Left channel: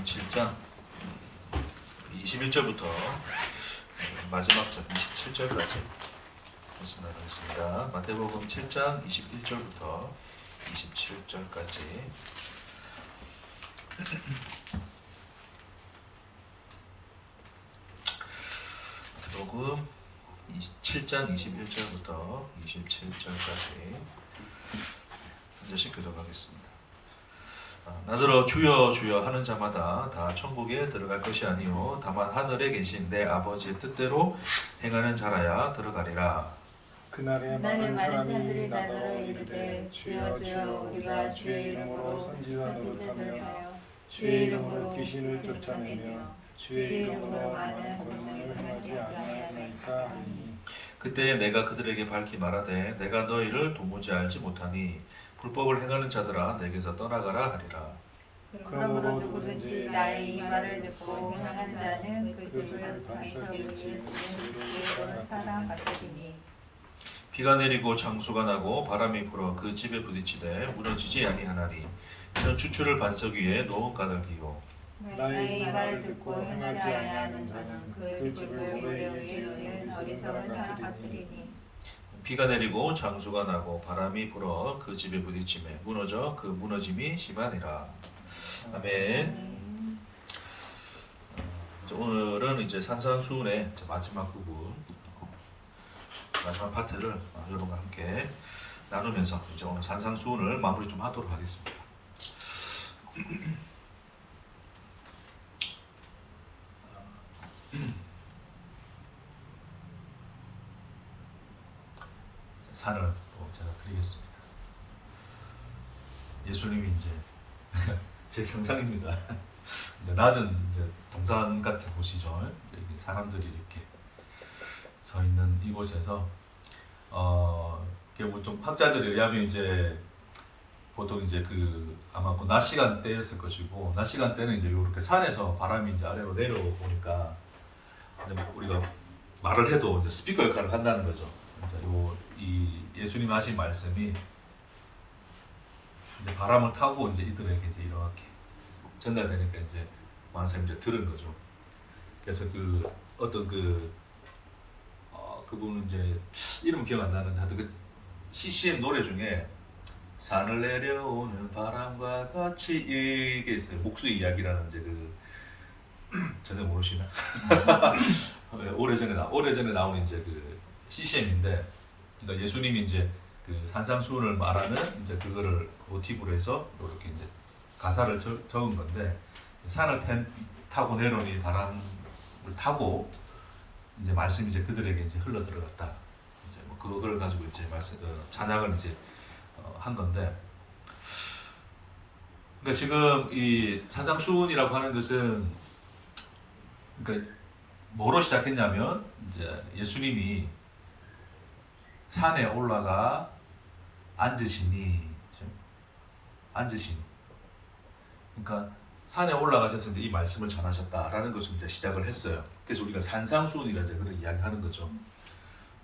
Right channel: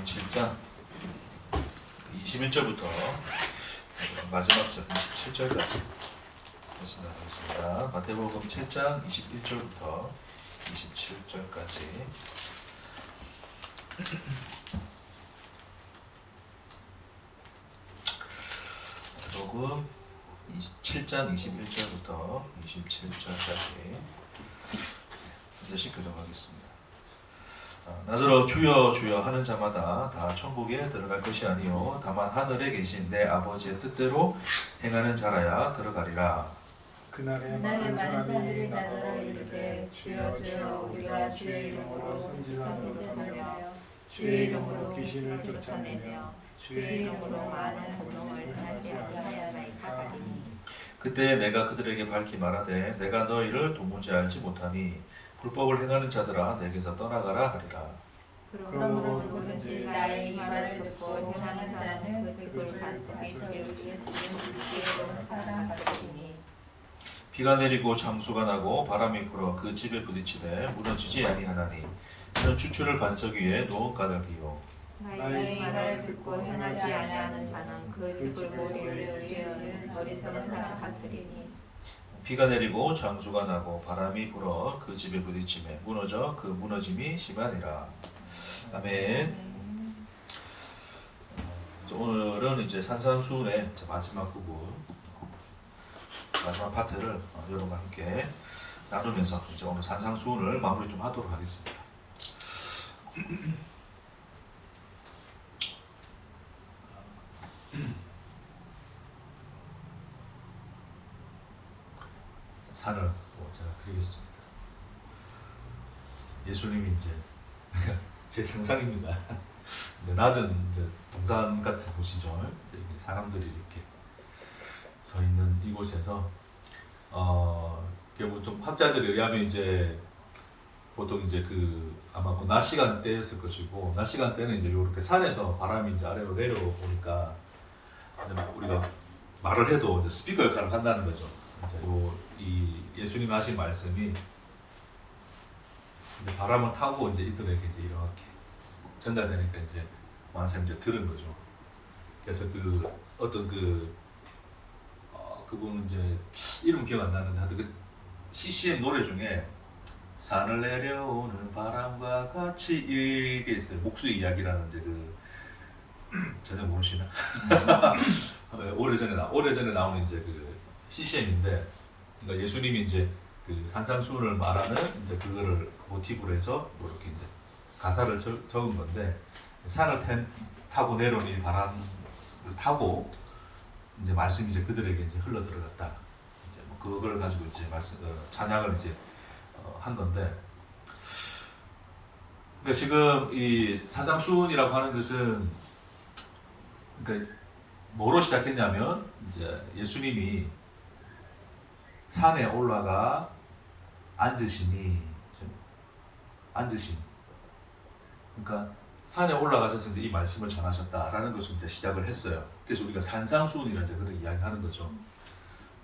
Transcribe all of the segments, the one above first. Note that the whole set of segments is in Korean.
마태복음 7장 21절부터 마지막 절 27절까지 말씀 나누겠습니다. 마태복음 7장 21절부터 27절까지 마태복음 7장 21절부터 27절까지 한 절씩 교독하겠습니다. 나더러 주여 주여 하는 자마다 다 천국에 들어갈 것이 아니요 다만 하늘에 계신 내 아버지의 뜻대로 행하는 자라야 들어가리라. 그날에 많은 사람들이 나더러 이르되 주여 주여 우리가 주의 이름으로 선지자를 하며 주의 이름으로 귀신을 쫓아내며 주의 이름으로 많은 공을 행하지 아니하나이까 하니 그때 내가 그들에게 밝히 말하되 내가 너희를 도무지 알지 못하니 불법을 행하는 자들아 내게서 떠나가라 하리라. 그러므로 누구든지 나의 이 말을 듣고 행하는 자는 그 집 안에서 이르는 지혜로운 사람 같으리니 비가 내리고 장수가 나고 바람이 불어 그 집에 부딪히되 무너지지 아니하나니 이는 추출을 반석 위에 놓은 까닭이요. 나의 이 말을 듣고 행하지 아니하는 자는 그 집을 모리에 지으는 어리석은 사람 같으리니 비가 내리고 장수가 나고 바람이 불어 그 집에 부딪히매 무너져 그 무너짐이 심하니라. 아멘. 오늘은 이제 산상수훈의 마지막 부분, 마지막 파트를 여러분과 함께 나누면서 이제 오늘 산상수훈을 마무리 좀 하도록 하겠습니다. 산을 또 제가 그리겠습니다. 예수님이 이제 제 상상입니다. 낮은 이제 동산 같은 곳이죠. 사람들이 이렇게 서 있는 이곳에서 결국 좀 학자들에 의하면 이제 보통 이제 아마 그 낮 시간대였을 것이고 낮 시간대는 이제 이렇게 산에서 바람이 이제 아래로 내려오니까 이제 우리가 말을 해도 이제 스피커 역할을 한다는 거죠. 이제 이 예수님 하신 말씀이 이제 바람을 타고 이제 이들에게 이제 이렇게 전달되니까 이제 많은 사람이 이제 들은 거죠. 그래서 어떤 그분은 이제 이름 기억 안 나는데 하여튼 그 CCM 노래 중에 산을 내려오는 바람과 같이 이게 있어요. 목수의 이야기라는 이제 전혀 모르시나? 오래전에 나오는 이제 CCM인데, 그러니까 예수님이 이제 산상수훈을 말하는 이제 그거를 모티브로 해서 이렇게 이제 가사를 적은 건데, 산을 타고 내려온 이 바람을 타고 이제 말씀이 이제 그들에게 이제 흘러 들어갔다. 이제 뭐 그걸 가지고 이제 찬양을 이제 한 건데, 그러니까 지금 이 산상수훈이라고 하는 것은 그러니까 뭐로 시작했냐면 이제 예수님이 산에 올라가 앉으시니, 그러니까 산에 올라가셔서 이제 이 말씀을 전하셨다라는 것을 이제 시작을 했어요. 그래서 우리가 산상수훈이라 이제 그런 이야기하는 거죠.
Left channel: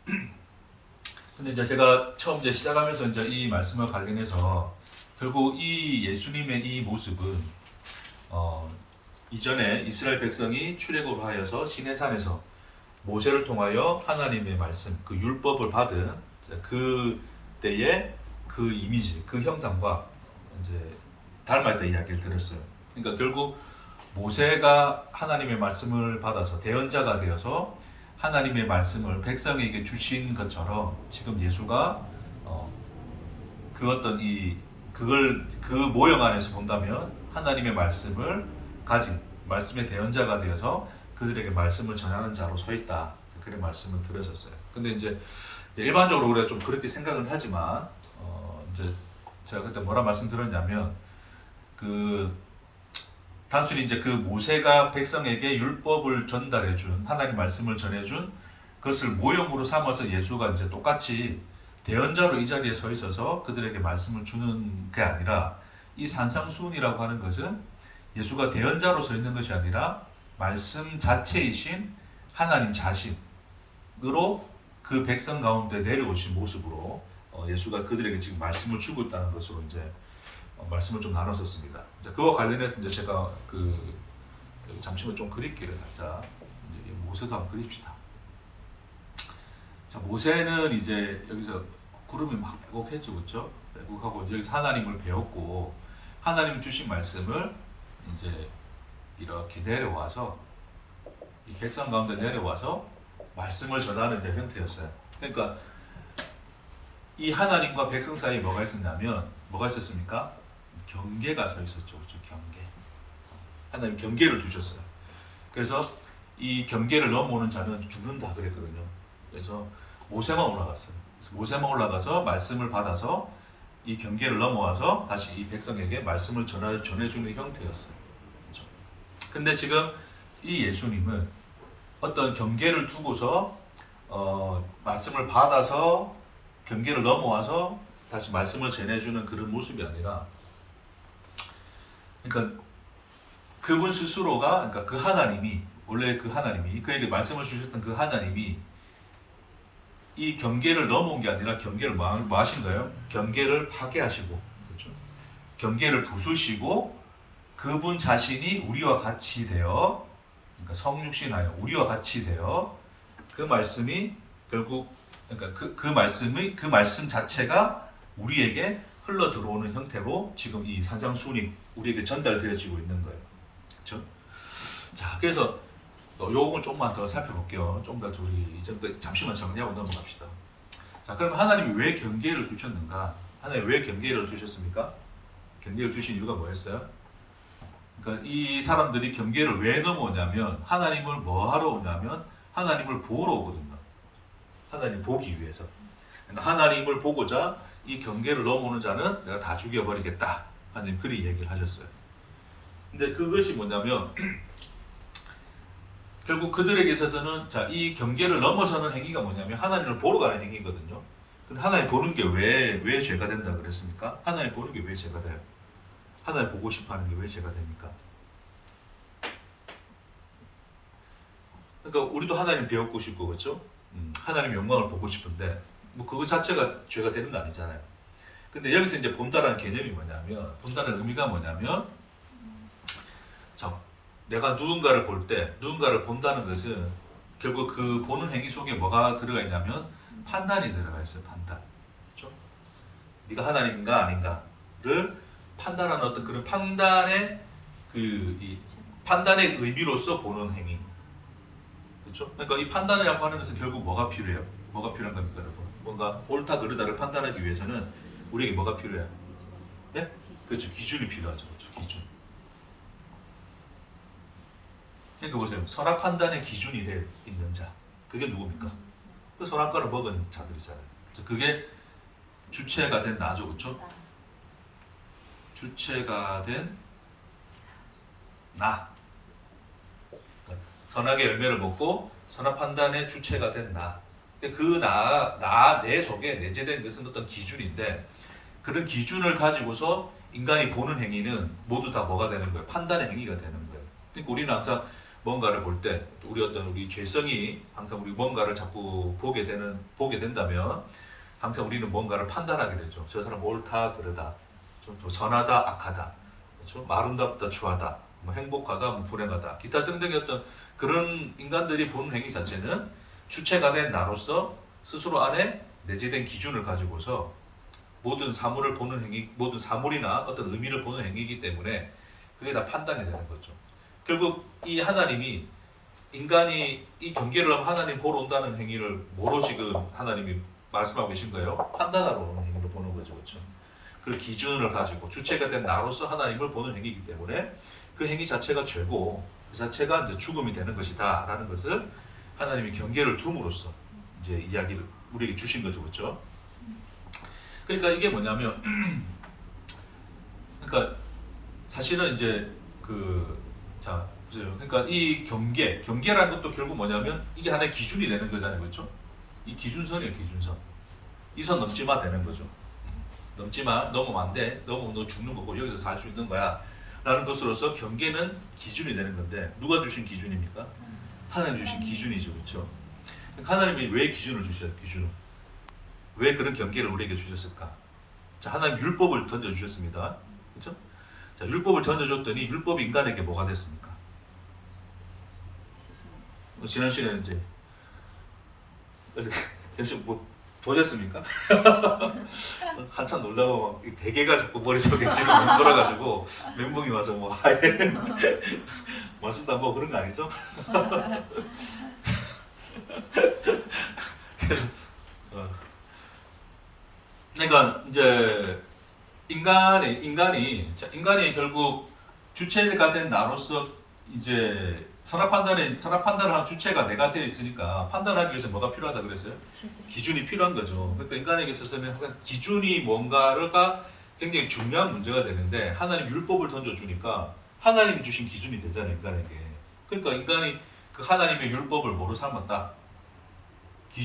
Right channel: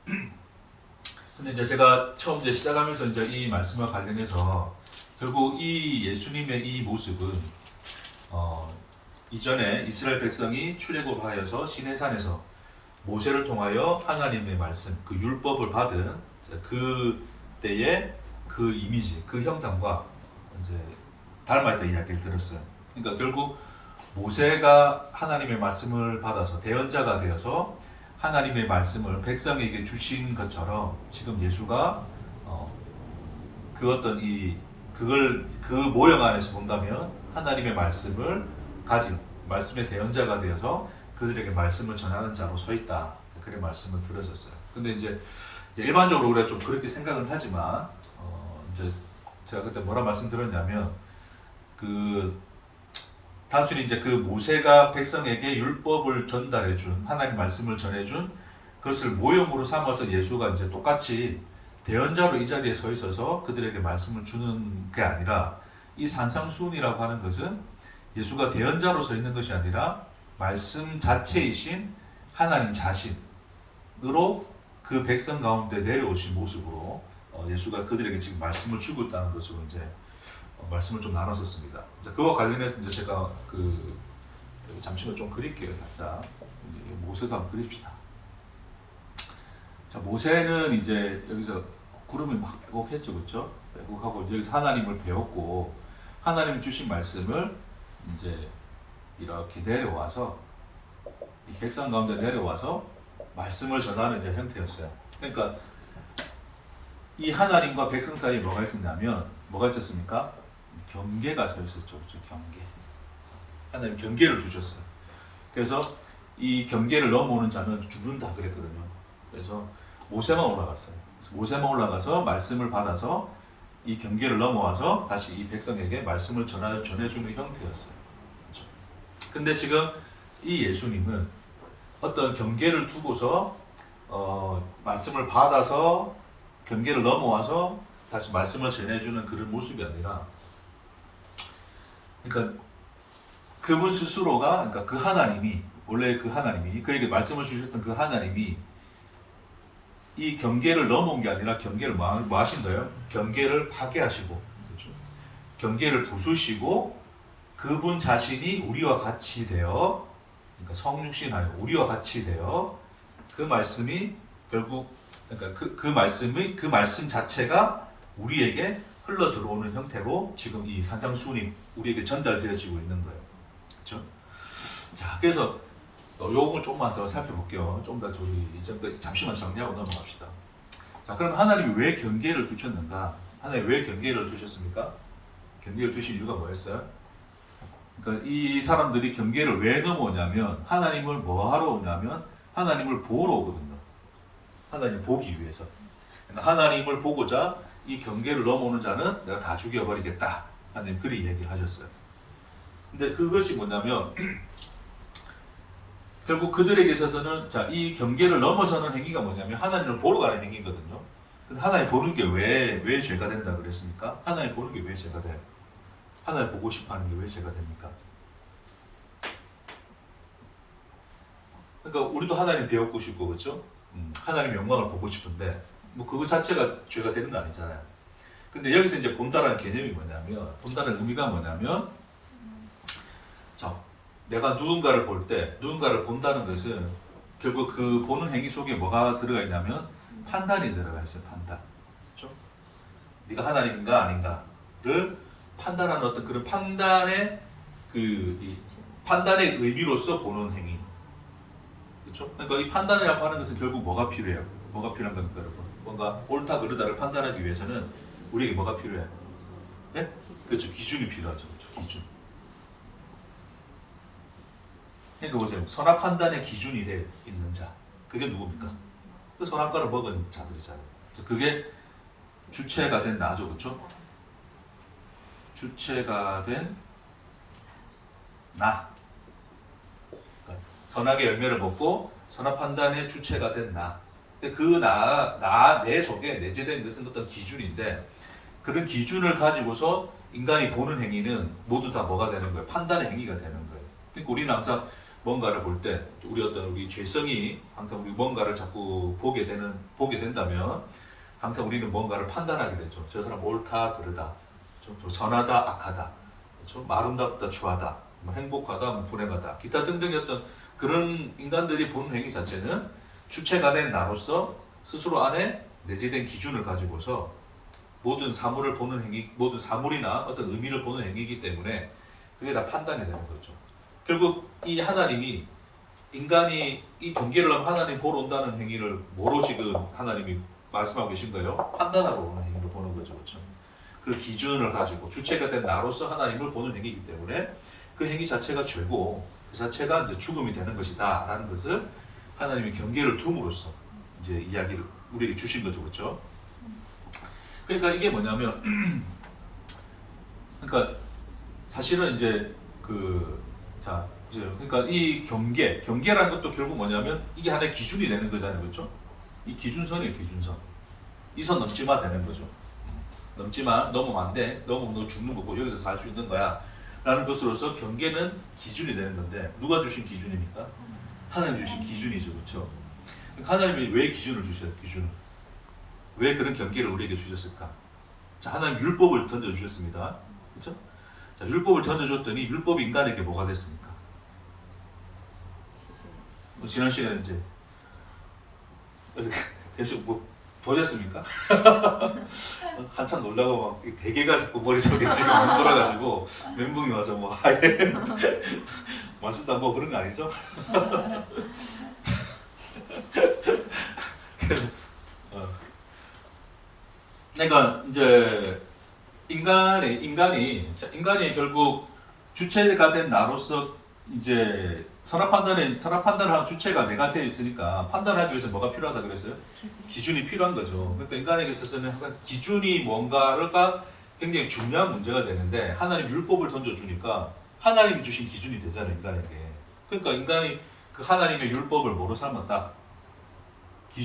근데 이제 제가 처음 이제 시작하면서 이제 이 말씀과 관련해서 결국 이 예수님의 이 모습은 이전에 이스라엘 백성이 출애굽을 하여서 시내산에서 모세를 통하여 하나님의 말씀, 그 율법을 받은 그 때의 그 이미지, 그 형상과 이제 닮아있다 이야기를 들었어요. 그러니까 결국 모세가 하나님의 말씀을 받아서 대언자가 되어서 하나님의 말씀을 백성에게 주신 것처럼 지금 예수가 그 모형 안에서 본다면 하나님의 말씀을 가진 말씀의 대언자가 되어서 그들에게 말씀을 전하는 자로 서 있다. 그런 말씀을 들었었어요. 근데 이제 일반적으로 우리가 좀 그렇게 생각은 하지만 이제 제가 그때 뭐라 말씀드렸냐면 단순히 이제 모세가 백성에게 율법을 전달해준 하나님 말씀을 전해준 그것을 모형으로 삼아서 예수가 이제 똑같이 대언자로 이 자리에 서 있어서 그들에게 말씀을 주는 게 아니라 이 산상수훈이라고 하는 것은 예수가 대언자로 서 있는 것이 아니라 말씀 자체이신 하나님 자신으로 그 백성 가운데 내려오신 모습으로 예수가 그들에게 지금 말씀을 주고 있다는 것으로 이제 말씀을 좀 나눴었습니다. 그와 관련해서 이제 제가 여기 잠시만 좀 그릴게요. 살짝 이제 모세도 한번 그립시다. 자, 모세는 이제 여기서 구름이 막 빼곡했죠, 그렇죠? 빼곡하고 여기서 하나님을 배웠고 하나님 주신 말씀을 이제 이렇게 내려와서 이 백성 가운데 내려와서 말씀을 전하는 이제 형태였어요. 그러니까 이 하나님과 백성 사이에 뭐가 있었냐면 뭐가 있었습니까? 경계가 서 있었죠, 그렇죠? 경계. 하나님 경계를 두셨어요. 그래서 이 경계를 넘어오는 자는 죽는다 그랬거든요. 그래서 모세만 올라갔어요. 그래서 모세만 올라가서 말씀을 받아서 이 경계를 넘어와서 다시 이 백성에게 말씀을 전해주는 형태였어요. 그렇죠? 근데 지금 이 예수님은 어떤 경계를 두고서 말씀을 받아서 경계를 넘어와서 다시 말씀을 전해주는 그런 모습이 아니라, 그러니까 그분 스스로가, 그러니까 그 하나님이, 원래 그 하나님이 그에게 말씀을 주셨던 그 하나님이 이 경계를 넘어온 게 아니라 경계를 뭐 하신 거예요? 경계를 파괴하시고, 그렇죠? 경계를 부수시고 그분 자신이 우리와 같이 되어, 그러니까 성육신하여 우리와 같이 되어 그 말씀이 결국, 그러니까 그 말씀 자체가 우리에게 흘러 들어오는 형태로 지금 이 산상수훈이 우리에게 전달되어지고 있는 거예요. 그렇죠? 자, 그래서 요걸 조금만 더 살펴볼게요. 좀 더 우리 이제 잠시만 정리하고 넘어갑시다. 자, 그럼 하나님이 왜 경계를 두셨는가? 하나님이 왜 경계를 두셨습니까? 경계를 두신 이유가 뭐였어요? 그러니까 이 사람들이 경계를 왜 넘어오냐면 하나님을 뭐 하러 오냐면 하나님을 보러 오거든요. 하나님 보기 위해서. 그러니까 하나님을 보고자 이 경계를 넘어오는 자는 내가 다 죽여버리겠다. 하나님 그리 얘기를 하셨어요. 근데 그것이 뭐냐면 결국 그들에게 있어서는 자, 이 경계를 넘어서는 행위가 뭐냐면 하나님을 보러 가는 행위거든요. 근데 하나님 보는 게 왜 죄가 된다 그랬습니까? 하나님 보는 게 왜 죄가 돼요? 하나님 보고 싶어 하는 게 왜 죄가 됩니까? 그러니까 우리도 하나님 배우고 싶고, 그렇죠? 하나님의 영광을 보고 싶은데 뭐 그거 자체가 죄가 되는 거 아니잖아요. 근데 여기서 이제 본다라는 개념이 뭐냐면, 본다는 의미가 뭐냐면, 자, 내가 누군가를 볼 때, 누군가를 본다는 것은 결국 그 보는 행위 속에 뭐가 들어가 있냐면 판단이 들어가 있어요. 판단. 그렇죠? 네가 하나님인가 아닌가를 판단하는 어떤 그런 판단의 이 판단의 의미로서 보는 행위. 그렇죠? 그러니까 이 판단이라고 하는 것은 결국 뭐가 필요해요? 뭐가 필요한 겁니까, 여러분? 뭔가 옳다 그르다를 판단하기 위해서는 우리에게 뭐가 필요해요? 네? 그렇죠. 기준이 필요하죠. 그렇죠? 기준. 그러니까 보세요. 선악 판단의 기준이 있는 자. 그게 누굽니까? 그 선악과를 먹은 자들이잖아요. 그게 주체가 된 나죠. 그렇죠? 주체가 된 나. 그러니까 선악의 열매를 먹고 선악 판단의 주체가 된 나. 그 내 속에 내재된 것은 어떤 기준인데, 그런 기준을 가지고서 인간이 보는 행위는 모두 다 뭐가 되는 거예요? 판단의 행위가 되는 거예요. 그러니까 우리는 항상 뭔가를 볼 때 우리 죄성이 항상 우리 뭔가를 자꾸 보게 된다면 항상 우리는 뭔가를 판단하게 되죠. 저 사람 옳다 그르다, 좀 선하다 악하다, 좀 아름답다 추하다, 뭐 행복하다 뭐 불행하다, 기타 등등의 어떤 그런 인간들이 보는 행위 자체는 주체가 된 나로서 스스로 안에 내재된 기준을 가지고서 모든 사물을 보는 행위, 모든 사물이나 어떤 의미를 보는 행위이기 때문에 그게 다 판단이 되는 거죠. 결국 이 하나님이 인간이 이 경계를 넘어 하나님 보러 온다는 행위를 뭐로 지금 하나님이 말씀하고 계신 거예요? 판단하러 오는 행위로 보는 거죠. 그렇죠? 그 기준을 가지고 주체가 된 나로서 하나님을 보는 행위이기 때문에 그 행위 자체가 죄고 그 자체가 이제 죽음이 되는 것이다라는 것을 하나님이 경계를 둠으로써 이제 이야기를 우리에게 주신 거죠. 그렇죠? 그러니까 이게 뭐냐면 그러니까 사실은 이제 자, 보세요. 그러니까 이 경계라는 것도 결국 뭐냐면 이게 하나의 기준이 되는 거잖아요. 그렇죠? 이 기준선이에요, 기준선. 이 선 넘지 마 되는 거죠. 넘지 마, 넘으면 안 돼. 넘으면 너 죽는 거고 여기서 살 수 있는 거야. 라는 것으로서 경계는 기준이 되는 건데 누가 주신 기준입니까? 하나님 주신 기준이죠. 그렇죠? 그러니까 하나님이 왜 기준을 주셔요? 기준을. 왜 그런 경계를 우리에게 주셨을까? 자, 하나님 율법을 던져주셨습니다. 그렇죠? 자, 율법을 던져줬더니 율법이 인간에게 뭐가 됐습니까? 지난 시간에 이제 잠시 뭐 보셨습니까? 한참 놀다가 막 대게가 자꾸 머릿속에 지금 맴돌아가지고 멘붕이 와서 뭐 아예 맞습니다. 뭐 그런 거 아니죠? 그러니까 이제 인간이 결국 주체가 된 나로서 이제 선악 판단을 하는 주체가 내가 되어 있으니까 판단하기 위해서 뭐가 필요하다 그랬어요? 기준이 필요한 거죠. 그러니까 인간에게 있어서는 항상 기준이 뭔가가 굉장히 중요한 문제가 되는데 하나님 율법을 던져주니까 하나님이 주신 기준이 되잖아요, 인간에게. 그러니까 인간이 그 하나님의 율법을 뭐로 삼았다?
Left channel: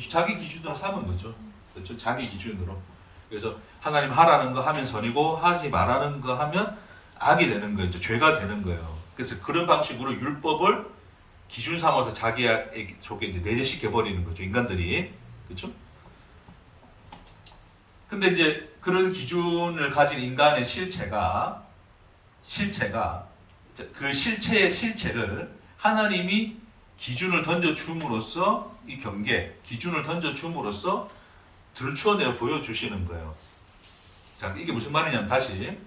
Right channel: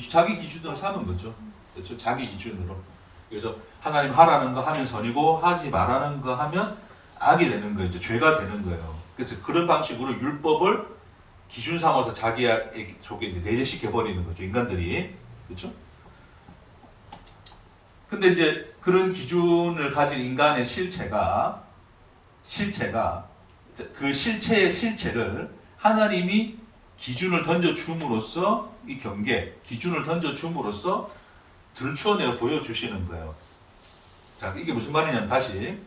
자기 기준으로 삼은 거죠. 그렇죠? 자기 기준으로. 그래서 하나님 하라는 거 하면 선이고 하지 말라는 거 하면 악이 되는 거예요. 이제 죄가 되는 거예요. 그래서 그런 방식으로 율법을 기준 삼아서 자기 속에 이제 내재시켜 버리는 거죠. 인간들이. 그렇죠? 근데 이제 그런 기준을 가진 인간의 실체가 그 실체의 실체를 하나님이 기준을 던져 줌으로써 이 기준을 던져 줌으로써 들추어내어 보여주시는 거예요. 자, 이게 무슨 말이냐면 다시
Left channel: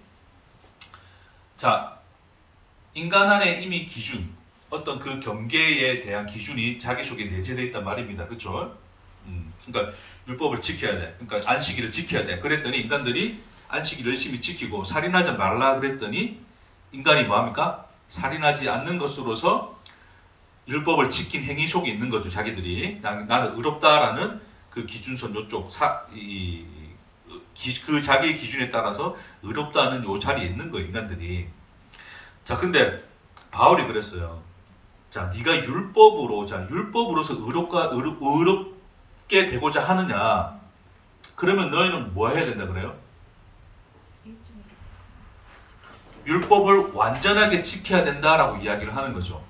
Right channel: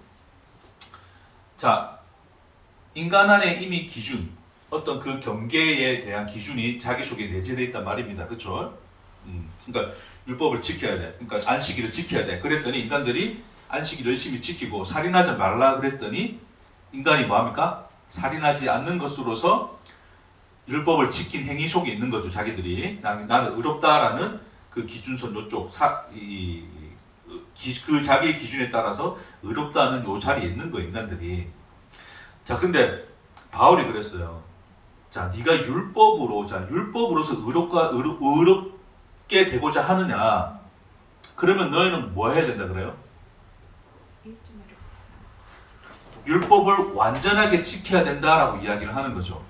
자, 인간 안에 이미 기준, 어떤 그 경계에 대한 기준이 자기 속에 내재되어 있단 말입니다. 그렇죠? 그러니까 율법을 지켜야 돼. 그러니까 안식일을 지켜야 돼. 그랬더니 인간들이 안식일을 열심히 지키고 살인하지 말라 그랬더니 인간이 뭐합니까? 살인하지 않는 것으로서 율법을 지킨 행위 속에 있는 거죠. 자기들이 나는 의롭다라는 그 기준선 요쪽 그 자기의 기준에 따라서 의롭다는 요 자리에 있는 거예요. 인간들이. 자, 근데 바울이 그랬어요. 자, 네가 율법으로서 의롭게 되고자 하느냐? 그러면 너희는 뭐 해야 된다 그래요? 율법을 완전하게 지켜야 된다라고 이야기를 하는 거죠.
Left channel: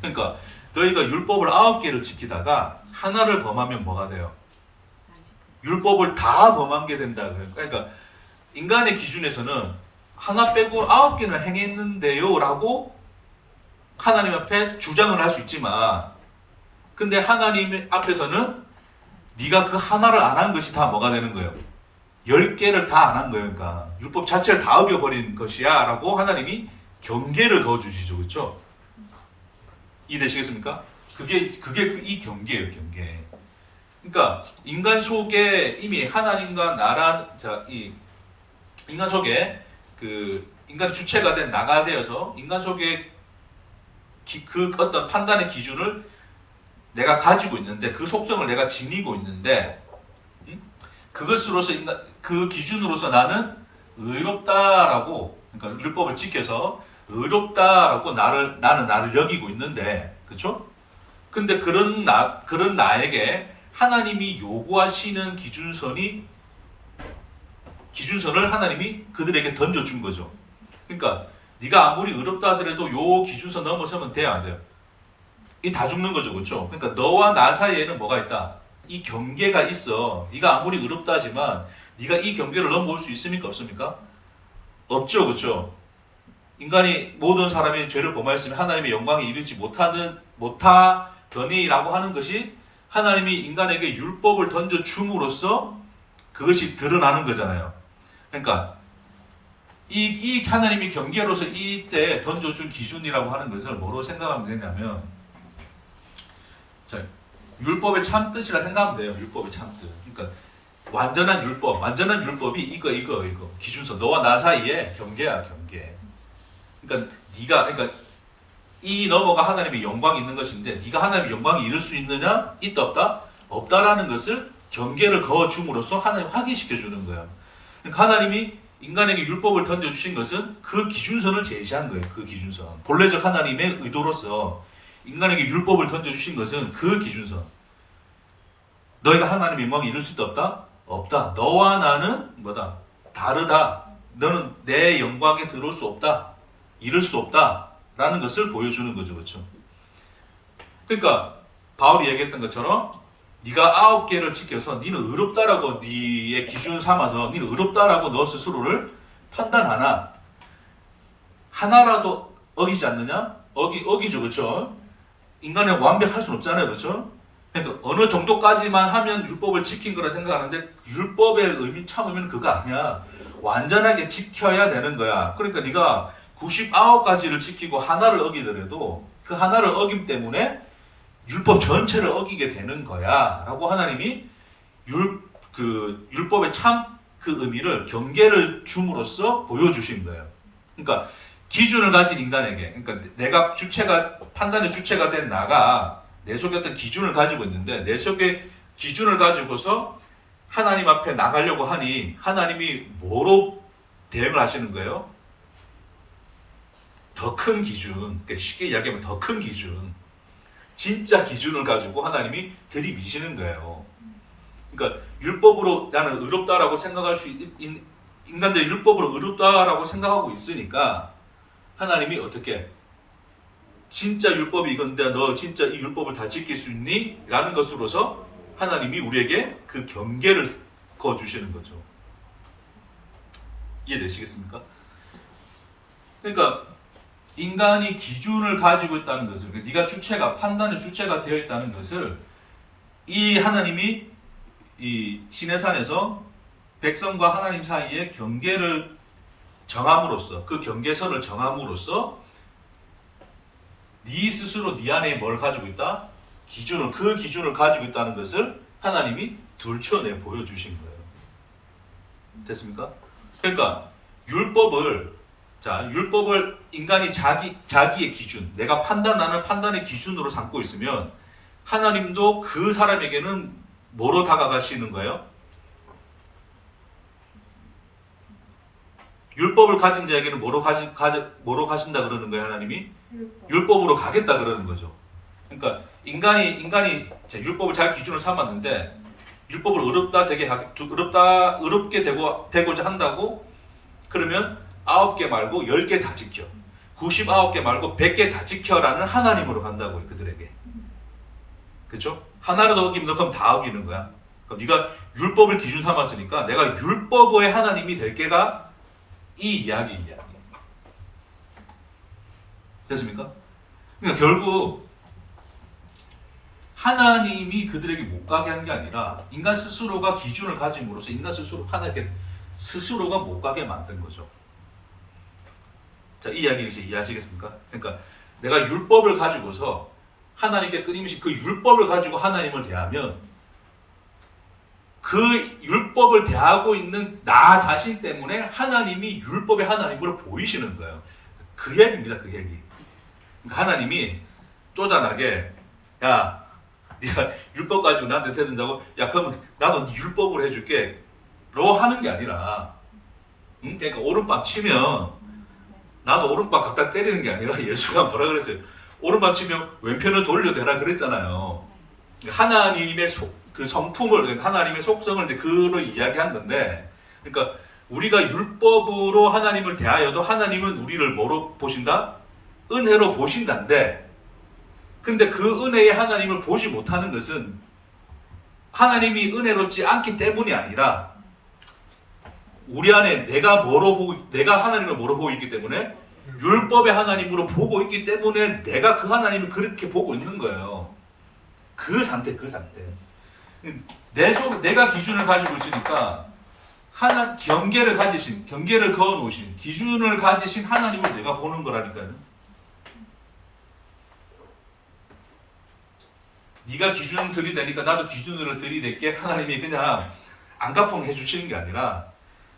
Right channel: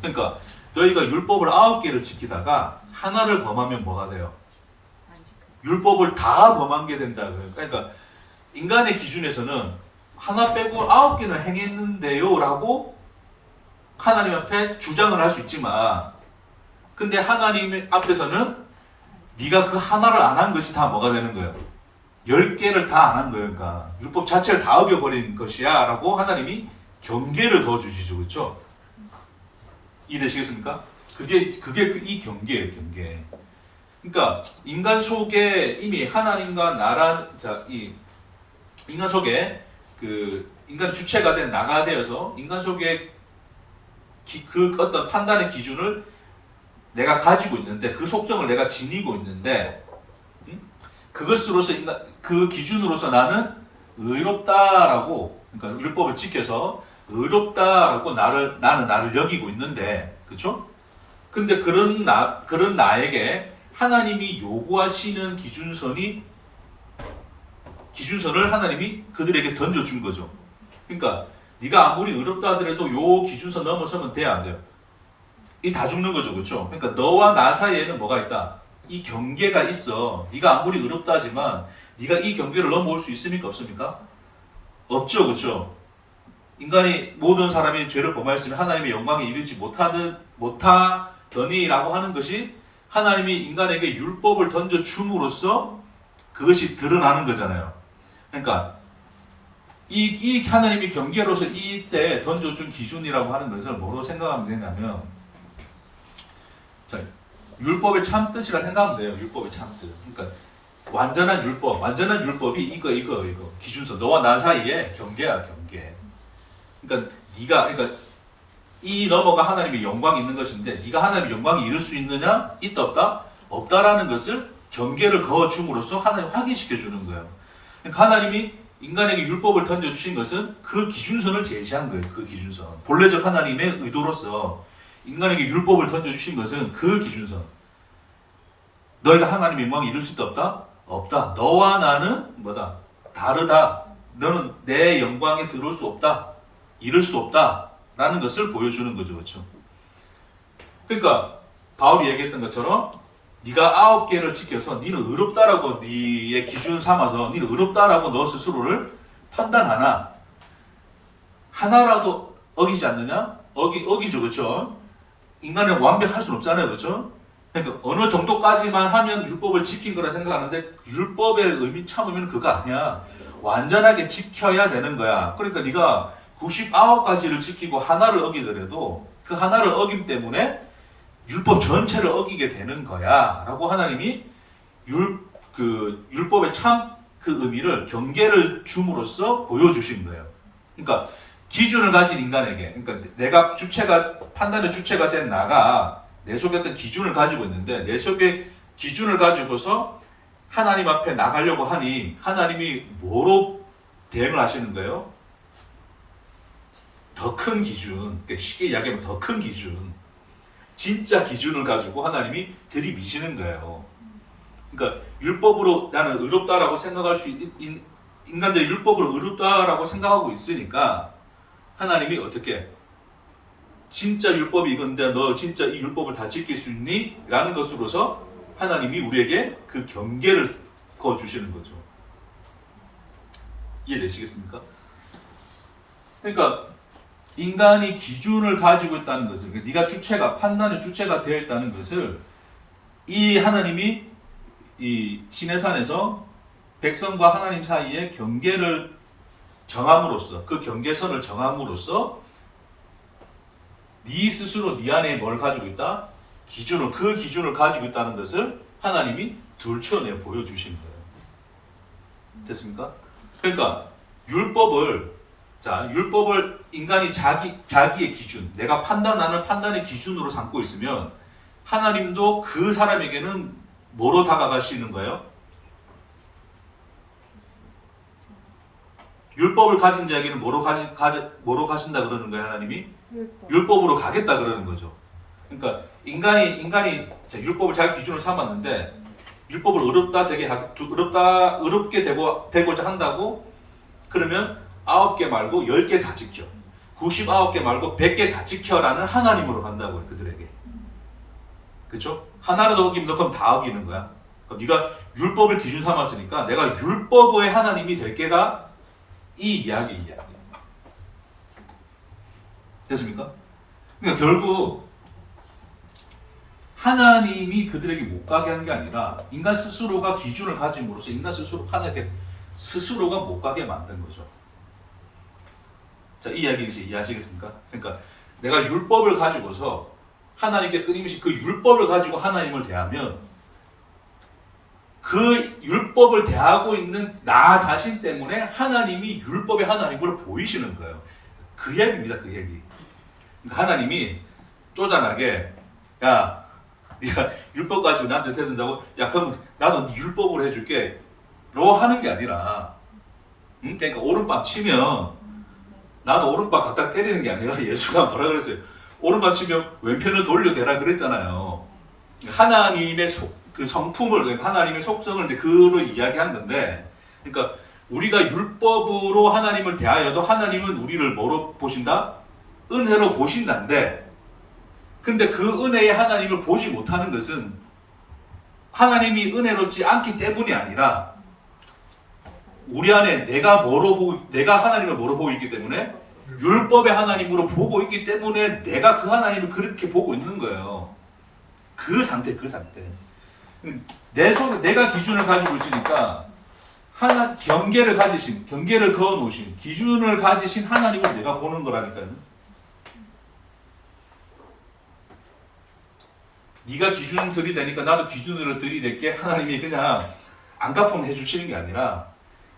그러니까 너희가 율법을 9개를 지키다가 하나를 범하면 뭐가 돼요? 율법을 다 범한 게 된다. 그러니까 인간의 기준에서는 하나 빼고 9개는 행했는데요 라고 하나님 앞에 주장을 할 수 있지만 근데 하나님 앞에서는 네가 그 하나를 안 한 것이 다 뭐가 되는 거예요? 10개를 다 안 한 거예요. 그러니까 율법 자체를 다 어겨버린 것이야 라고 하나님이 경계를 그어주시죠. 그렇죠? 이해되시겠습니까? 그게 이 경계예요. 경계. 그러니까 인간 속에 이미 하나님과 이 인간 속에 그 인간의 주체가 된 나가 되어서 인간 속에 그 어떤 판단의 기준을 내가 가지고 있는데 그 속성을 내가 지니고 있는데 그것으로서 그 기준으로서 나는 의롭다라고 그러니까 율법을 지켜서 의롭다라고 나는 나를 여기고 있는데 그렇죠? 근데 그런 나에게 하나님이 요구하시는 기준선을 하나님이 그들에게 던져준 거죠. 그러니까 네가 아무리 의롭다 하더라도 요 기준선 넘어서면 돼야 안 돼요. 이 다 죽는 거죠. 그렇죠? 그러니까 너와 나 사이에는 뭐가 있다? 이 경계가 있어. 네가 아무리 의롭다 하지만 네가 이 경계를 넘어올 수 있습니까? 없습니까? 없죠. 그렇죠? 인간이 모든 사람이 죄를 범하였으면 하나님의 영광에 이르지 못하더니라고 하는 것이 하나님이 인간에게 율법을 던져 줌으로써 그것이 드러나는 거잖아요. 그러니까 이 하나님이 경계로서 이때 던져준 기준이라고 하는 것을 뭐로 생각하면 되냐면 자, 율법의 참뜻이라 생각하면 돼요. 율법의 참뜻. 그러니까 완전한 율법이 이거 기준선 너와 나 사이에 경계야. 경계. 그러니까 이 너머가 하나님의 영광이 있는 것인데 네가 하나님의 영광이 이룰 수 있느냐? 있다 없다? 없다라는 것을 경계를 그어줌으로써 하나님 확인시켜 주는 거예요. 그러니까 하나님이 인간에게 율법을 던져주신 것은 그 기준선을 제시한 거예요. 그 기준선. 본래적 하나님의 의도로서 인간에게 율법을 던져주신 것은 그 기준선. 너희가 하나님의 영광이 이룰 수 있다 없다? 없다. 너와 나는 뭐다? 다르다. 너는 내 영광에 들어올 수 없다. 이룰 수 없다. 라는 것을 보여주는 거죠. 그렇죠? 그러니까 바울이 얘기했던 것처럼 네가 9개를 지켜서 너는 의롭다라고 네의 기준 삼아서 너는 의롭다라고 너 스스로를 판단하나? 하나라도 어기지 않느냐? 어기죠. 그렇죠? 인간은 완벽할 수는 없잖아요, 그렇죠? 그러니까 어느 정도까지만 하면 율법을 지킨 거라 생각하는데 율법의 의미 참으면 그거 아니야. 완전하게 지켜야 되는 거야. 그러니까 네가 99가지를 지키고 하나를 어기더라도 그 하나를 어김 때문에 율법 전체를 어기게 되는 거야. 라고 하나님이 율법의 참 그 의미를 경계를 줌으로써 보여주신 거예요. 그러니까 기준을 가진 인간에게, 그러니까 내가 판단의 주체가 된 나가 내 속에 어떤 기준을 가지고 있는데 내 속에 기준을 가지고서 하나님 앞에 나가려고 하니 하나님이 뭐로 대응을 하시는 거예요? 더 큰 기준, 그러니까 쉽게 이야기하면 더 큰 기준, 진짜 기준을 가지고 하나님이 들이미시는 거예요. 그러니까 율법으로 나는 의롭다라고 생각할 수 인간들이 율법으로 의롭다라고 생각하고 있으니까 하나님이 어떻게 진짜 율법이 이건데 너 진짜 이 율법을 다 지킬 수 있니? 라는 것으로서 하나님이 우리에게 그 경계를 그어주시는 거죠. 이해되시겠습니까? 그러니까 인간이 기준을 가지고 있다는 것을, 네가 판단의 주체가 되어 있다는 것을 이 하나님이 이 시내산에서 백성과 하나님 사이에 경계를 정함으로써, 그 경계선을 정함으로써 네 스스로 네 안에 뭘 가지고 있다? 그 기준을 가지고 있다는 것을 하나님이 들춰내 보여주신 거예요. 됐습니까? 그러니까 율법을 인간이 자기의 기준, 내가 판단하는 판단의 기준으로 삼고 있으면 하나님도 그 사람에게는 뭐로 다가가시는 거예요? 율법을 가진 자에게는 뭐로 가신다 그러는 거예요, 하나님이? 율법으로 가겠다 그러는 거죠. 그러니까 인간이 율법을 자기 기준으로 삼았는데 율법을 어렵게 되고자 한다고 그러면 9개 말고 10개 다 지켜. 99개 말고 100개 다 지켜라는 하나님으로 간다고요, 그들에게. 그렇죠? 하나라도 어기면 그럼 다 어기는 거야. 그럼 네가 율법을 기준 삼았으니까 내가 율법의 하나님이 될 게가 이 이야기. 됐습니까? 그러니까 결국 하나님이 그들에게 못 가게 한 게 아니라 인간 스스로가 기준을 가짐으로써 인간 하나님께 스스로가 못 가게 만든 거죠. 자, 이 이야기를 이제 이해하시겠습니까? 그러니까 내가 율법을 가지고서 하나님께 끊임없이 그 율법을 가지고 하나님을 대하면 그 율법을 대하고 있는 나 자신 때문에 하나님이 율법의 하나님으로 보이시는 거예요. 그 얘기입니다. 그 얘기. 그러니까 하나님이 쪼잔하게 야, 네가 율법 가지고 나한테 대든다고? 야, 그러면 나도 네 율법으로 해줄게 로 하는 게 아니라 그러니까 오른밤 치면 나도 오른밤 갖다 때리는 게 아니라 예수가 뭐라 그랬어요? 오른밤 치면 왼편을 돌려대라 그랬잖아요. 하나님의 그 성품을, 하나님의 속성을 이제 그로 이야기한 건데, 그러니까 우리가 율법으로 하나님을 대하여도 하나님은 우리를 뭐로 보신다? 은혜로 보신다는데, 근데 그 은혜의 하나님을 보지 못하는 것은 하나님이 은혜롭지 않기 때문이 아니라 우리 안에 내가 하나님을 뭐로 보고 있기 때문에 율법의 하나님으로 보고 있기 때문에 내가 그 하나님을 그렇게 보고 있는 거예요. 그 상태. 내가 기준을 가지고 있으니까 경계를 그어 놓으신, 기준을 가지신 하나님을 내가 보는 거라니까요. 네가 기준을 들이대니까 나도 기준을 들이댈게 하나님이 그냥 안가품 해주시는 게 아니라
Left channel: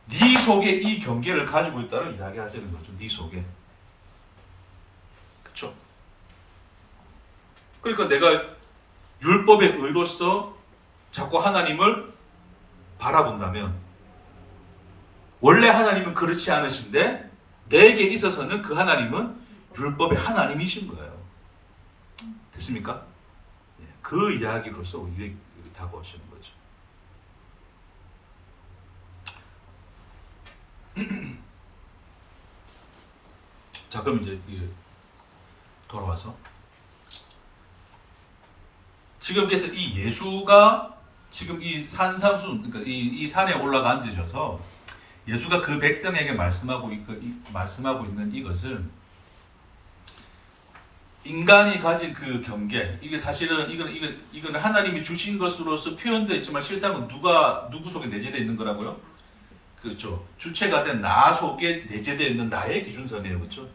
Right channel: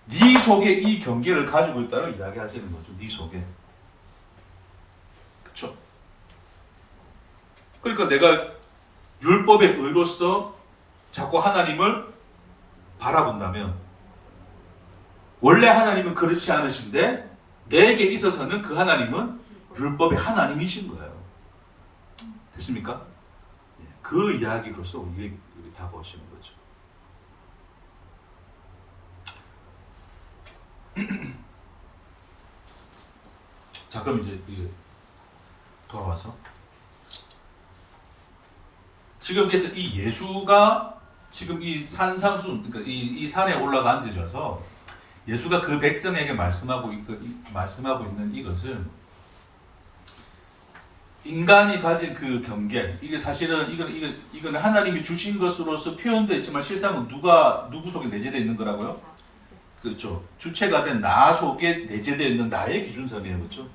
네 속에 이 경계를 가지고 있다는 이야기하시는 거죠. 네 속에. 그렇죠? 그러니까 내가 율법의 의로서 자꾸 하나님을 바라본다면 원래 하나님은 그렇지 않으신데 내게 있어서는 그 하나님은 율법의 하나님이신 거예요. 됐습니까? 그 이야기로서 우리에게 다가오시는 거죠. 자, 그럼 이제 돌아와서 지금 그래서 이 예수가 지금 이 산삼순, 그러니까 이 산에 올라가 앉으셔서 예수가 그 백성에게 말씀하고 있는 이것은 인간이 가진 그 경계, 이게 사실은 이거는 하나님이 주신 것으로서 표현되어 있지만 실상은 누구 속에 내재되어 있는 거라고요? 그렇죠. 주체가 된 나 속에 내재되어 있는 나의 기준선이에요. 그렇죠?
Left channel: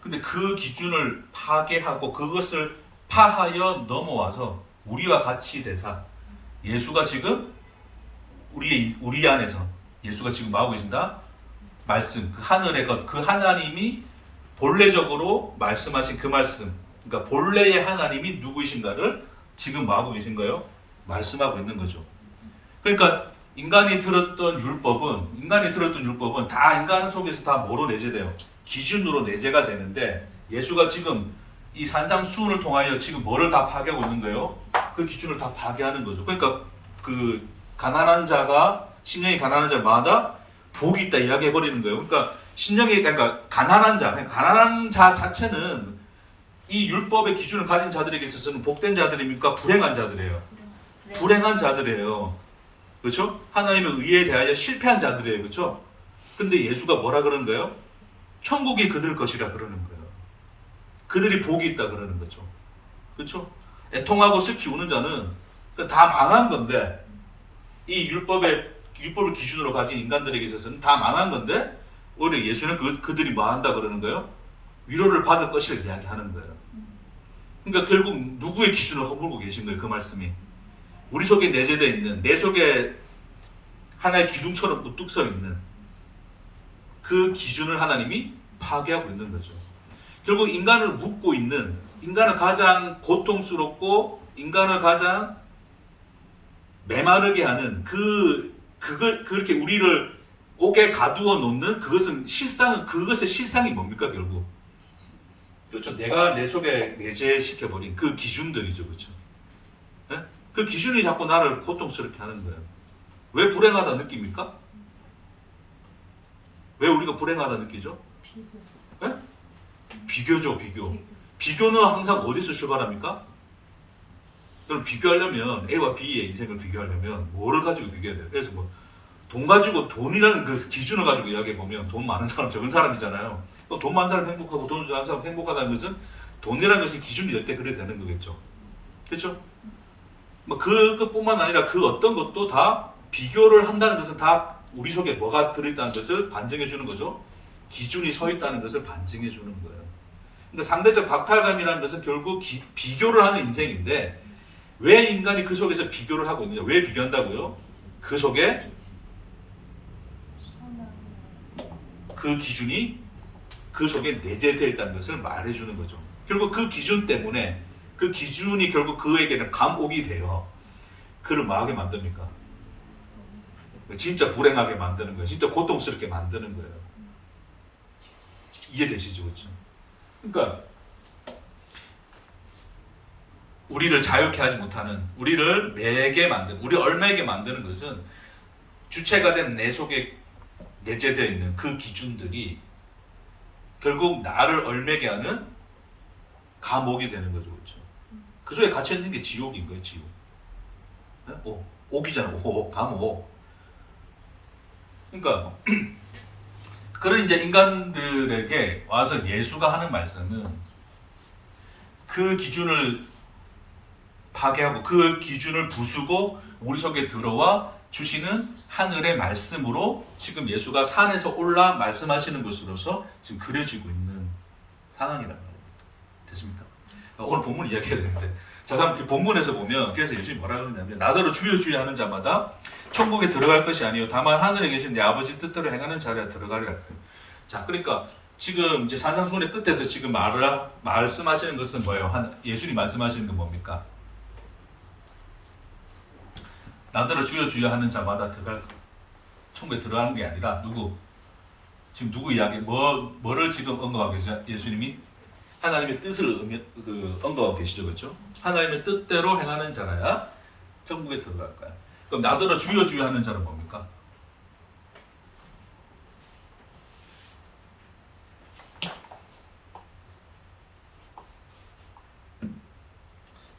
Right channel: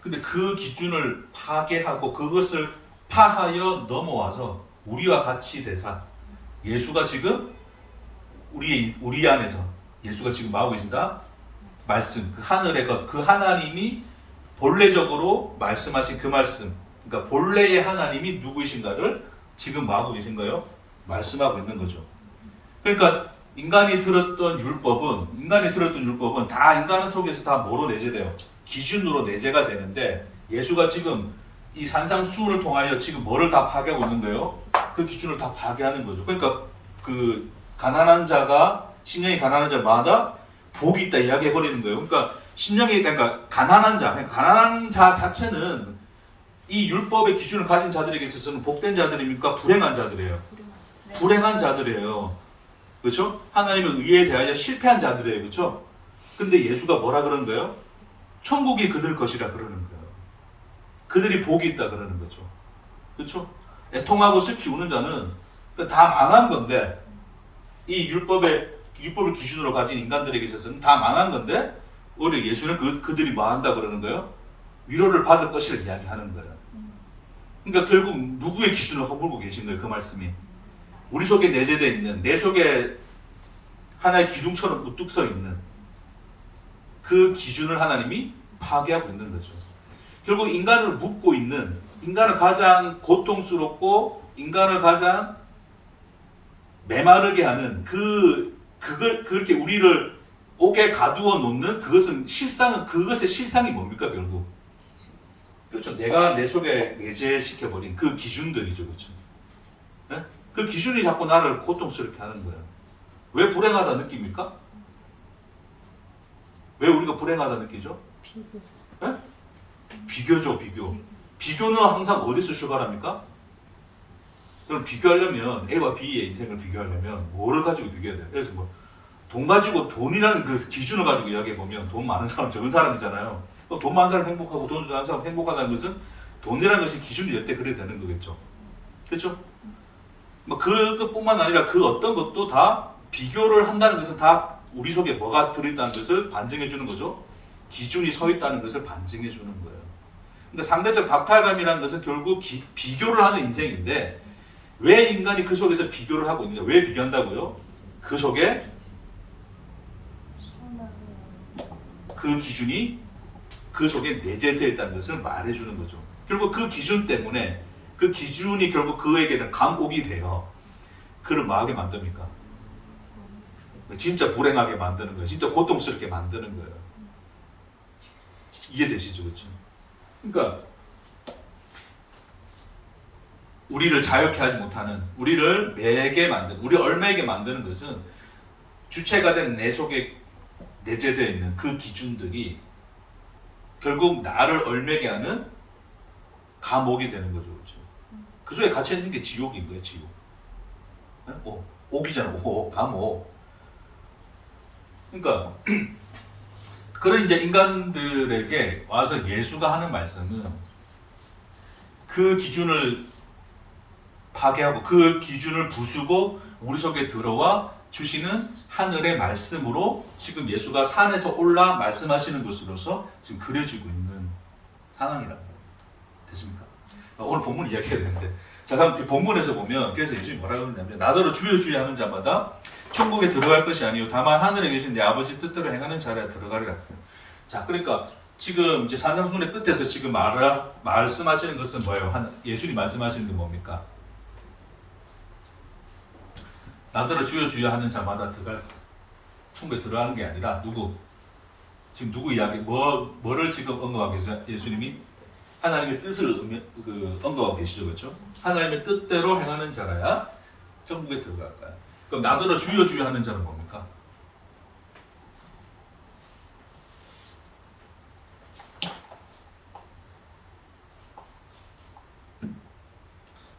근데 그 기준을 파괴하고 그것을 파하여 넘어와서 우리와 같이 되사 예수가 지금 우리 안에서 예수가 지금 하고 계신다? 말씀, 그 하늘의 것, 그 하나님이 본래적으로 말씀하신 그 말씀, 그러니까 본래의 하나님이 누구이신가를 지금 하고 계신 거예요? 말씀하고 있는 거죠. 그러니까 인간이 들었던 율법은 다 인간 속에서 다 뭐로 내재돼요? 기준으로 내재가 되는데 예수가 지금 이 산상수훈을 통하여 지금 뭐를 다 파괴하고 있는 거예요? 그 기준을 다 파괴하는 거죠. 그러니까 그 가난한 자가 신령이 가난한 자마다 복이 있다 이야기해 버리는 거예요. 그러니까 신령이 그러니까 가난한 자 자체는 이 율법의 기준을 가진 자들에게 있어서는 복된 자들입니까? 불행한 자들이에요. 불행한 자들이에요. 그렇죠? 하나님의 의에 대하여 실패한 자들이에요. 그렇죠? 근데 예수가 뭐라 그러는 거예요? 천국이 그들 것이라 그러는 거예요. 그들이 복이 있다 그러는 거죠. 그렇죠? 애통하고 슬피 우는 자는 다 망한 건데 이 율법을 기준으로 가진 인간들에게 있어서는 다 망한 건데 오히려 예수는 그들이 뭐 한다 그러는 거예요? 위로를 받을 것이라 이야기하는 거예요. 그러니까 결국 누구의 기준을 허물고 계신 거예요? 그 말씀이. 우리 속에 내재되어 있는 내 속에 하나의 기둥처럼 우뚝 서 있는 그 기준을 하나님이 파괴하고 있는 거죠. 결국 인간을 묶고 있는 인간을 가장 고통스럽고 인간을 가장 메마르게 하는 그렇게 우리를 옥에 가두어 놓는 그것의 실상이 뭡니까 결국? 그렇죠. 내가 내 속에 내재시켜 버린 그 기준들이죠, 그렇죠. 네? 그 기준이 자꾸 나를 고통스럽게 하는 거예요. 왜 불행하다 느낍니까? 왜 우리가 불행하다 느끼죠? 네? 비교죠, 비교. 비교는 항상 어디서 출발합니까? 그럼 비교하려면 A와 B의 인생을 비교하려면 뭐를 가지고 비교해야 돼요? 그래서 돈 가지고 돈이라는 그 기준을 가지고 이야기해 보면 돈 많은 사람 적은 사람이잖아요. 돈 많은 사람 행복하고 돈 많은 사람 행복하다는 것은 돈이라는 것이 기준이 될 때 그래 되는 거겠죠. 그렇죠? 그것뿐만 아니라 그 어떤 것도 다 비교를 한다는 것은 다 우리 속에 뭐가 들어있다는 것을 반증해 주는 거죠. 기준이 서 있다는 것을 반증해 주는 거예요. 그러니까 상대적 박탈감이라는 것은 결국 비교를 하는 인생인데 왜 인간이 그 속에서 비교를 하고 있느냐? 왜 비교한다고요? 그 속에 그 기준이 그 속에 내재되어 있다는 것을 말해주는 거죠. 결국 그 기준 때문에 그 기준이 결국 그에게는 감옥이 돼요. 그를 뭐하게 만듭니까? 진짜 불행하게 만드는 거예요. 진짜 고통스럽게 만드는 거예요. 이해되시죠? 그렇죠? 그러니까 우리를 자유케 하지 못하는, 우리를 매게 만드는, 우리 얼매게 만드는 것은 주체가 된 내 속에 내재되어 있는 그 기준들이 결국 나를 얼매게 하는 감옥이 되는 거죠. 그렇죠? 그 속에 갇혀 있는 게 지옥인 거예요. 지옥. 네? 옥이잖아. 감옥. 그러니까 그런 이제 인간들에게 와서 예수가 하는 말씀은 그 기준을 파괴하고 그 기준을 부수고 우리 속에 들어와 주시는 하늘의 말씀으로 지금 예수가 산에서 올라 말씀하시는 것으로서 지금 그려지고 있는 상황이란 말입니다. 됐습니까? 오늘 본문 이야기해야 되는데 자 그럼 본문에서 보면 그래서 예수님이 뭐라 그러냐면 나더러 주여 주여 하는 자마다 천국에 들어갈 것이 아니요 다만 하늘에 계신 내 아버지 뜻대로 행하는 자라 들어가리라. 자 그러니까 지금 이제 산상수훈의 끝에서 지금 말씀하시는 것은 뭐예요? 예수님이 말씀하시는 건 뭡니까? 나더러 주여 주여 하는 자마다 들어갈 천국에 들어가는 게 아니라 지금 누구 이야기 뭐를 지금 언급하고 계세요? 예수님이 하나님의 뜻을 언급하고 계시죠, 그렇죠? 하나님의 뜻대로 행하는 자라야 천국에 들어갈 거야. 그럼 나더러 주여 주여 하는 자는 뭡니까?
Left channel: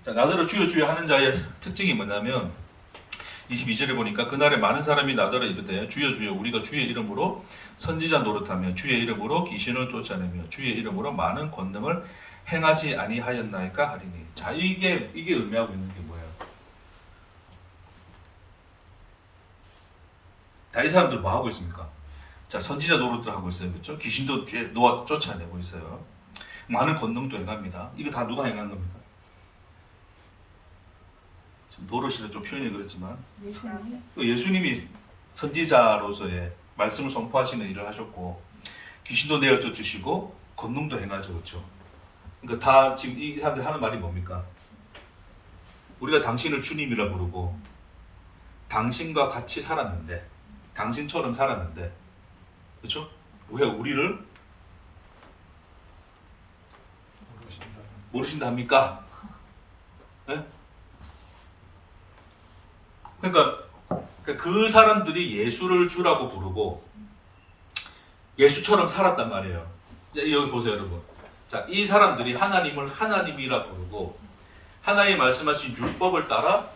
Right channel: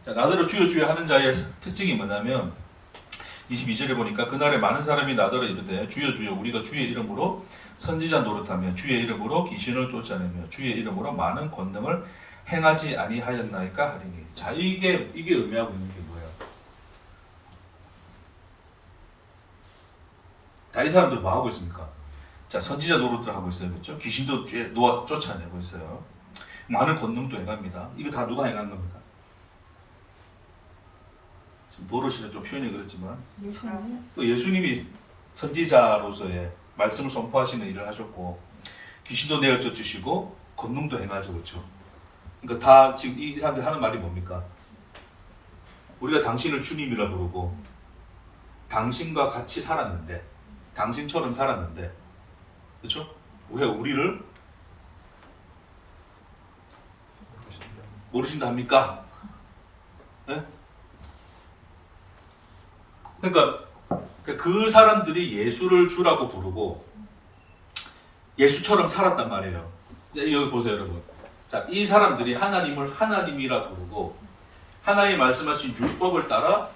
자, 나더러 주여 주여 하는 자의 특징이 뭐냐면 22절에 보니까 그날에 많은 사람이 나더러 이르되 주여 주여 우리가 주의 이름으로 선지자 노릇하며 주의 이름으로 귀신을 쫓아내며 주의 이름으로 많은 권능을 행하지 아니하였나이까 하리니. 자, 이게 의미하고 있는 게 뭐예요? 자, 이 사람들 뭐 하고 있습니까? 자, 선지자 노릇들 하고 있어요. 그렇죠? 귀신도 쫓아내고 있어요. 많은 권능도 행합니다. 이거 다 누가 행한 겁니까? 지금 노릇이는 좀 표현이 그렇지만 예수님이 선지자로서의 말씀을 선포하시는 일을 하셨고 귀신도 내어 쫓으시고 권능도 행하죠. 그렇죠? 그러니까 다 지금 이 사람들 하는 말이 뭡니까? 우리가 당신을 주님이라 부르고 당신과 같이 살았는데 당신처럼 살았는데 그렇죠? 왜 우리를 모르신다 합니까? 네? 그러니까 그 사람들이 예수를 주라고 부르고 예수처럼 살았단 말이에요. 여기 보세요, 여러분. 자, 이 사람들이 하나님을 하나님이라 부르고 하나님 말씀하신 율법을 따라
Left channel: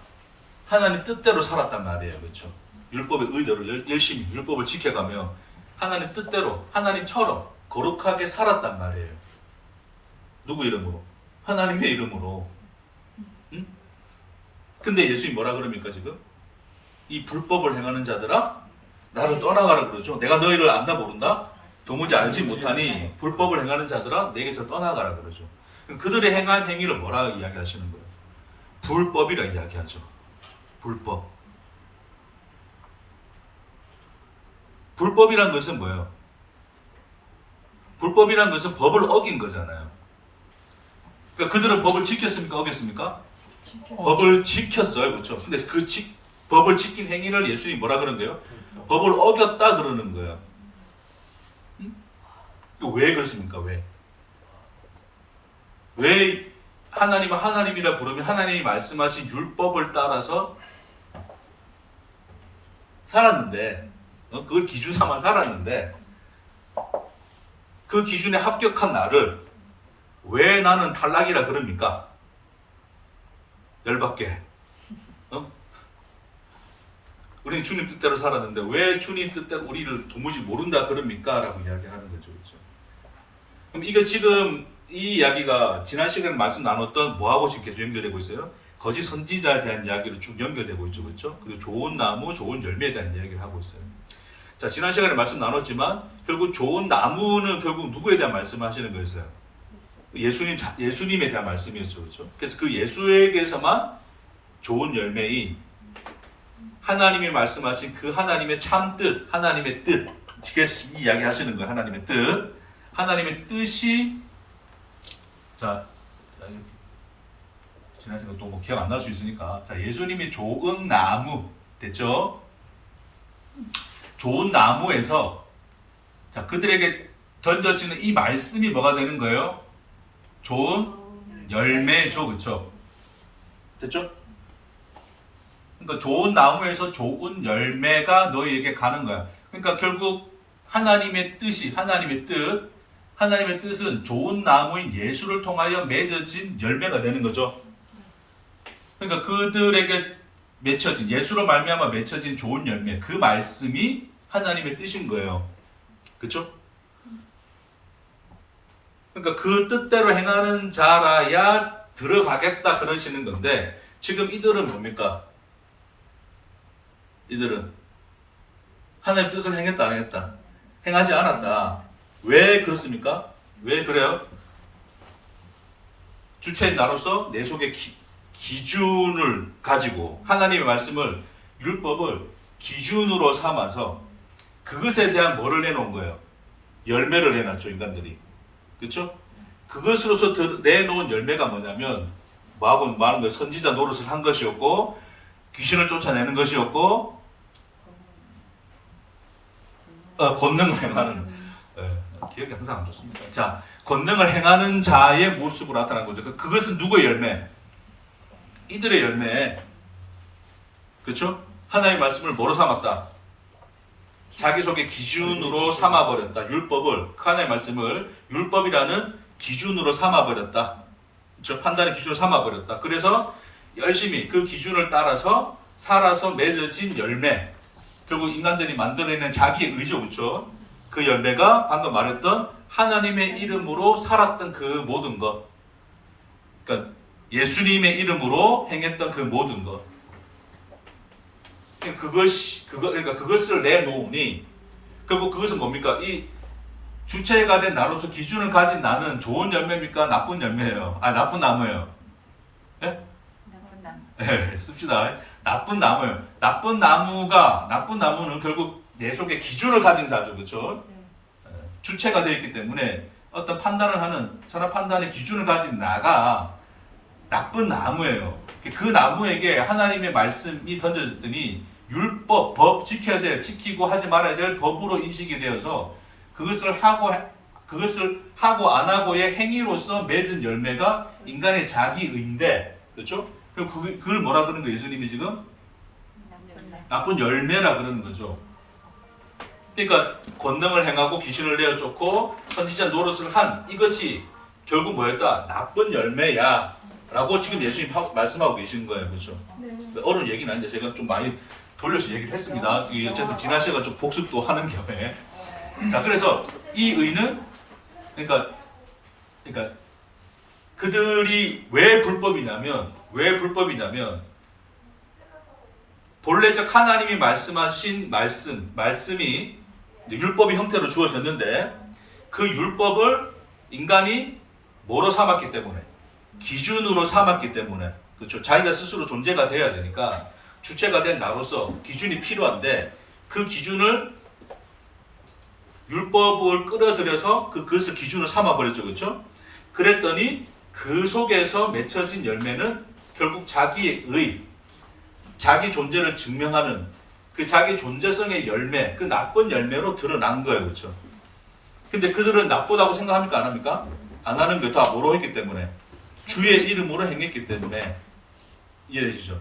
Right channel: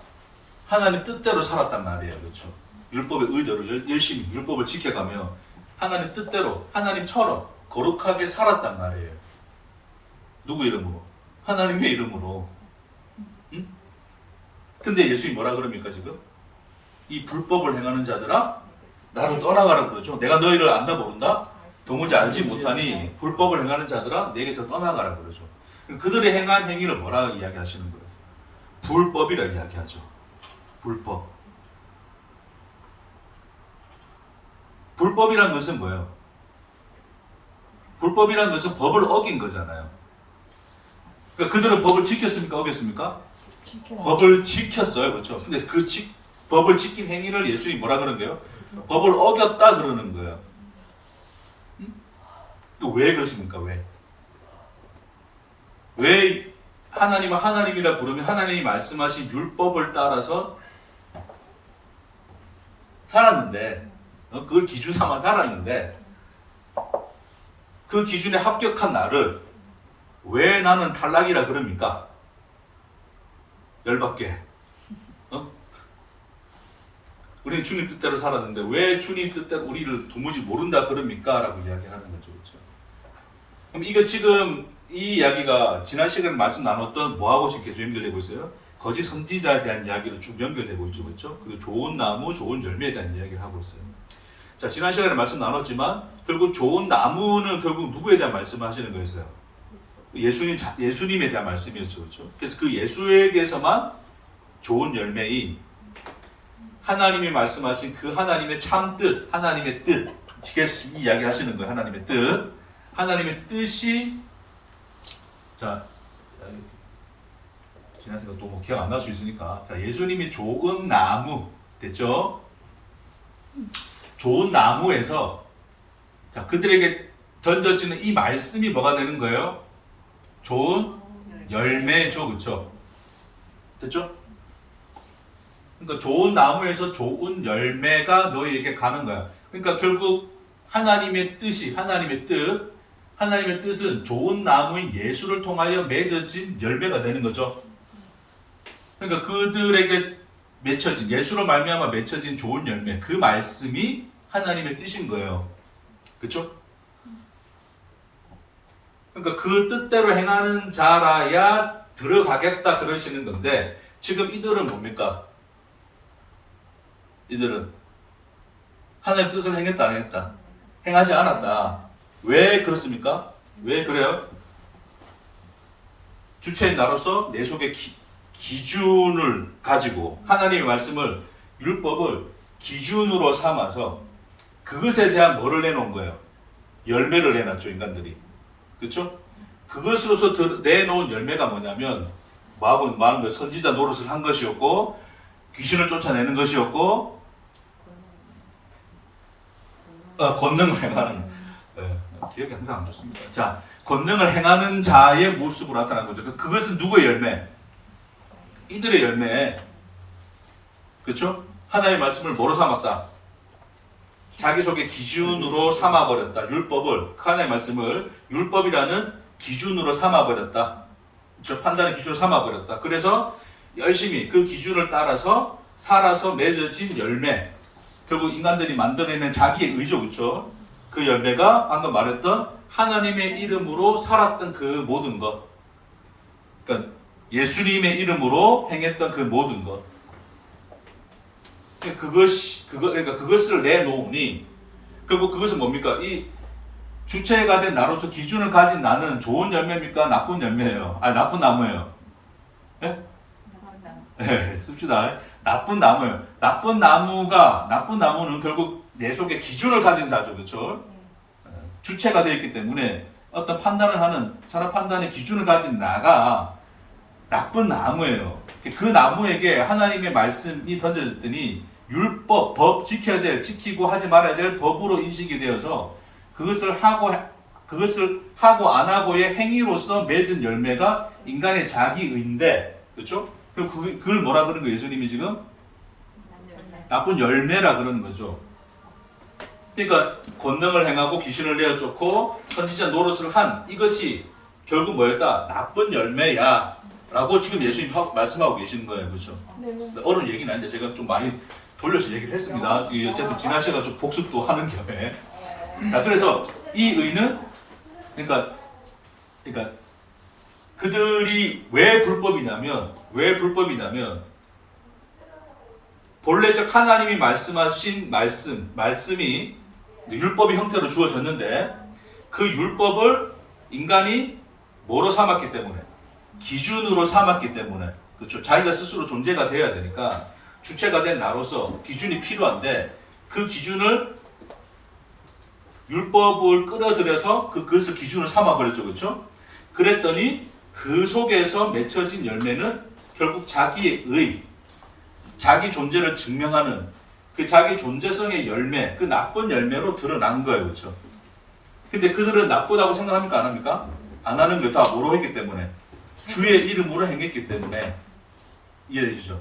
하나님 뜻대로 살았단 말이에요. 그렇죠? 율법의 의대로 열심히 율법을 지켜가며 하나님 뜻대로 하나님처럼 거룩하게 살았단 말이에요. 누구 이름으로? 하나님의 이름으로. 응? 근데 예수님이 뭐라 그럽니까 지금? 이 불법을 행하는 자들아 나를 떠나가라 그러죠. 내가 너희를 안다 모른다? 도무지 알지 못하니 불법을 행하는 자들아 내게서 떠나가라 그러죠. 그들의 행한 행위를 뭐라 이야기하시는 거예요? 불법이라 이야기하죠. 불법. 불법이란 것은 뭐예요? 불법이란 것은 법을 어긴 거잖아요. 그러니까 그들은 법을 지켰습니까? 어겼습니까? 법을 지켰어요. 그렇죠? 근데 그 법을 지킨 행위를 예수님이 뭐라 그러는데요? 법을 어겼다 그러는 거예요. 왜 그렇습니까? 왜 하나님을 하나님이라 부르면 하나님이 말씀하신 율법을 따라서 살았는데 그걸 기준 삼아 살았는데 그 기준에 합격한 나를 왜 나는 탈락이라 그럽니까? 열받게. 우리는 주님 뜻대로 살았는데 왜 주님 뜻대로 우리를 도무지 모른다 그럽니까? 라고 이야기하는 거죠. 그렇죠? 그럼 이거 지금 이 이야기가 지난 시간에 말씀 나눴던 뭐하고 지금 계속 연결되고 있어요? 거짓 선지자에 대한 이야기로 쭉 연결되고 있죠. 그렇죠? 그리고 좋은 나무, 좋은 열매에 대한 이야기를 하고 있어요. 자, 지난 시간에 말씀 나눴지만 결국 좋은 나무는 결국 누구에 대한 말씀을 하시는 거였어요? 예수님에 대한 말씀이었죠. 그렇죠? 그래서 그 예수에게서만 좋은 열매인 하나님이 말씀하신 그 하나님의 참 뜻, 하나님의 뜻, 지금 이야기 하시는 거예요. 하나님의 뜻, 하나님의 뜻이 자 지난 시간 또 뭐 기억 안 날 수 있으니까 자 예수님이 좋은 나무 됐죠? 좋은 나무에서 자 그들에게 던져지는 이 말씀이 뭐가 되는 거예요? 좋은 열매죠, 그렇죠? 됐죠? 그러니까 좋은 나무에서 좋은 열매가 너희에게 가는 거야. 그러니까 결국 하나님의 뜻이 하나님의 뜻은 좋은 나무인 예수를 통하여 맺어진 열매가 되는 거죠. 그러니까 그들에게 맺혀진 예수로 말미암아 맺혀진 좋은 열매 그 말씀이 하나님의 뜻인 거예요. 그렇죠? 그러니까 그 뜻대로 행하는 자라야 들어가겠다 그러시는 건데 지금 이들은 뭡니까? 이들은 하나님의 뜻을 행했다 안 행했다? 행하지 않았다. 왜 그렇습니까? 왜 그래요? 주체인 나로서 내 속에 기준을 가지고 하나님의 말씀을 율법을 기준으로 삼아서 그것에 대한 뭐를 내놓은 거예요? 열매를 내놨죠 인간들이. 그렇죠? 그것으로서 내놓은 열매가 뭐냐면 뭐하고 많은 거 선지자 노릇을 한 것이었고 귀신을 쫓아내는 것이었고 권능을 행하는 기억이 항상 안 좋습니다. 자, 권능을 행하는 자의 모습으로 나타난 거죠. 그것은 누구의 열매? 이들의 열매. 그렇죠? 하나님의 말씀을 뭐로 삼았다? 자기 속의 기준으로 삼아버렸다. 율법을 하나님의 말씀을 율법이라는 기준으로 삼아버렸다. 그렇죠? 판단의 기준으로 삼아버렸다. 그래서 열심히 그 기준을 따라서 살아서 맺어진 열매. 결국 인간들이 만들어내는 자기의 의죠. 그렇죠? 그 열매가 방금 말했던 하나님의 이름으로 살았던 그 모든 것. 그러니까 예수님의 이름으로 행했던 그 모든 것. 그러니까 그것을 내놓으니 결국 그것은 뭡니까? 이 주체가 된 나로서 기준을 가진 나는 좋은 열매입니까? 나쁜 열매예요. 아니 나쁜 나무예요. 예? 네, 씁시다. 나쁜 나무예요. 나쁜 나무는 결국 내 속에 기준을 가진 자죠, 그렇죠? 주체가 되어 있기 때문에 어떤 판단을 하는 사람 판단의 기준을 가진 나가 나쁜 나무예요. 그 나무에게 하나님의 말씀이 던져졌더니 율법, 법 지켜야 될, 지키고 하지 말아야 될 법으로 인식이 되어서 그것을 하고 안 하고의 행위로서 맺은 열매가 인간의 자기의인데, 그렇죠? 그걸 뭐라 그러는 거예요? 예수님이 지금 나쁜 열매라 그러는 거죠. 그러니까 권능을 행하고 귀신을 내어 쫓고 선지자 노릇을 한 이것이 결국 뭐였다? 나쁜 열매야 라고 지금 예수님 말씀하고 계시는 거예요. 그렇죠? 어른 얘기는 아닌데 제가 좀 많이 돌려서 얘기를 했습니다. 어쨌든 지난 시간 좀 복습도 하는 겸해. 자, 그래서 이 의는 그러니까 그들이 왜 불법이냐면 본래적 하나님이 말씀하신 말씀이 율법의 형태로 주어졌는데 그 율법을 인간이 뭐로 삼았기 때문에 기준으로 삼았기 때문에 그렇죠. 자기가 스스로 존재가 돼야 되니까 주체가 된 나로서 기준이 필요한데 그 기준을 율법을 끌어들여서 그것을 기준으로 삼아버렸죠. 그렇죠? 그랬더니 그 속에서 맺혀진 열매는 결국 자기의 의, 자기 존재를 증명하는 그 자기 존재성의 열매, 그 나쁜 열매로 드러난 거예요. 그렇죠? 근데 그들은 나쁘다고 생각합니까? 안 합니까? 안 하는 게 다 뭐로 했기 때문에 주의 이름으로 행했기 때문에 이해되시죠?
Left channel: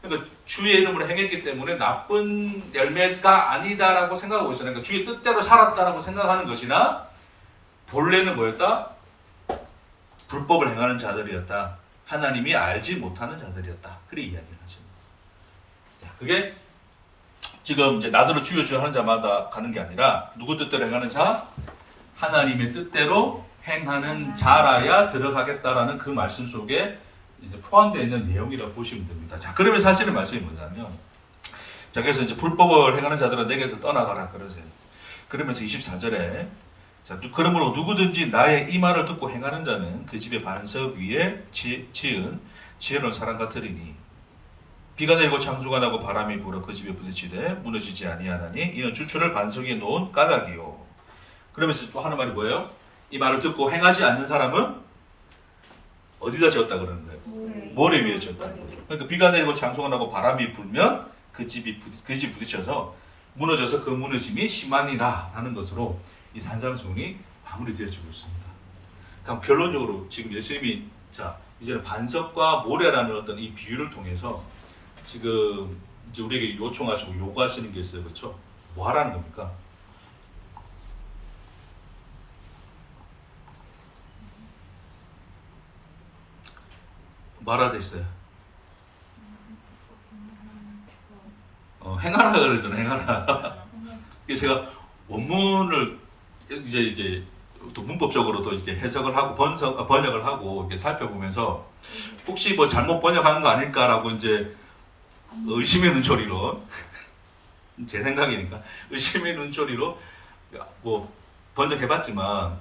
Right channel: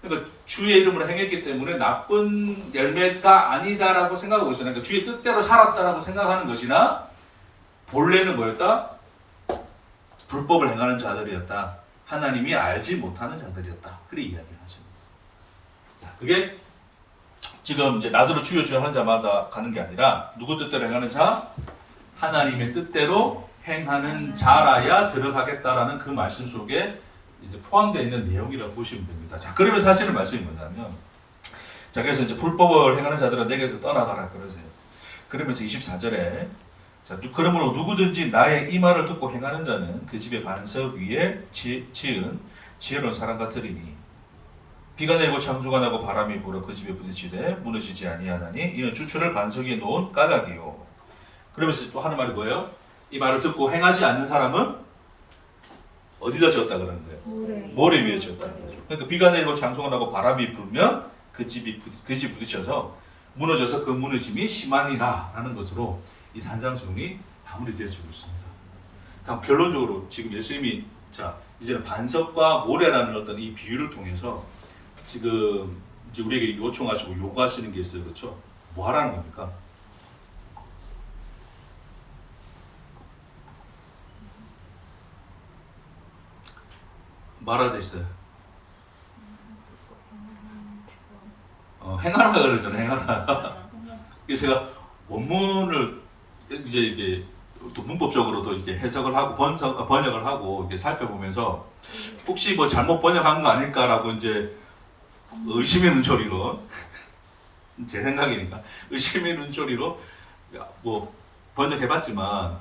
그러니까 주의 이름으로 행했기 때문에 나쁜 열매가 아니다라고 생각하고 있어요. 그러니까 주의 뜻대로 살았다라고 생각하는 것이나 본래는 뭐였다? 불법을 행하는 자들이었다. 하나님이 알지 못하는 자들이었다. 그렇게 이야기를 하시는 거예요. 자, 그게 지금 이제 나더러 주여 주여 하는 자마다 가는 게 아니라 누구 뜻대로 행하는 자? 하나님의 뜻대로 행하는 자라야 들어가겠다라는 그 말씀 속에 이제 포함되어 있는 내용이라고 보시면 됩니다. 자, 그러면 사실은 말씀이 뭐냐면, 자, 그래서 이제 불법을 행하는 자들은 내게서 떠나가라 그러세요. 그러면서 24절에, 자, 그러므로 누구든지 나의 이 말을 듣고 행하는 자는 그 집의 반석 위에 지은 지혜로운 사람 같으리니, 비가 내리고 창수가 나고 바람이 불어 그 집에 부딪히되 무너지지 아니하나니 이는 주초를 반석 위에 놓은 까닭이요. 그러면서 또 하는 말이 뭐예요? 이 말을 듣고 행하지 않는 사람은 어디다 지었다 그러는 거예요? 모래 위에 지었다는 거죠. 그러니까 비가 내리고 창수가 나고 바람이 불면 그 집 부딪혀서 무너져서 그 무너짐이 심하니라 하는 것으로 이 산상수훈이 마무리되어지고 있습니다. 그럼 결론적으로 지금 예수님이 자 이제는 반석과 모래라는 어떤 이 비유를 통해서 지금 이제 우리에게 요청하시고 요구하시는 게 있어요, 그렇죠? 뭐 하라는 겁니까? 말하돼 있어요. 행하라 그러잖아요. 행하라. 제가 원문을 이제 이게 또 문법적으로도 이렇게 해석을 하고 번역을 하고 이렇게 살펴보면서 혹시 뭐 잘못 번역한 거 아닐까라고 이제 의심의 눈초리로 제 생각이니까 의심의 눈초리로 뭐 번역해봤지만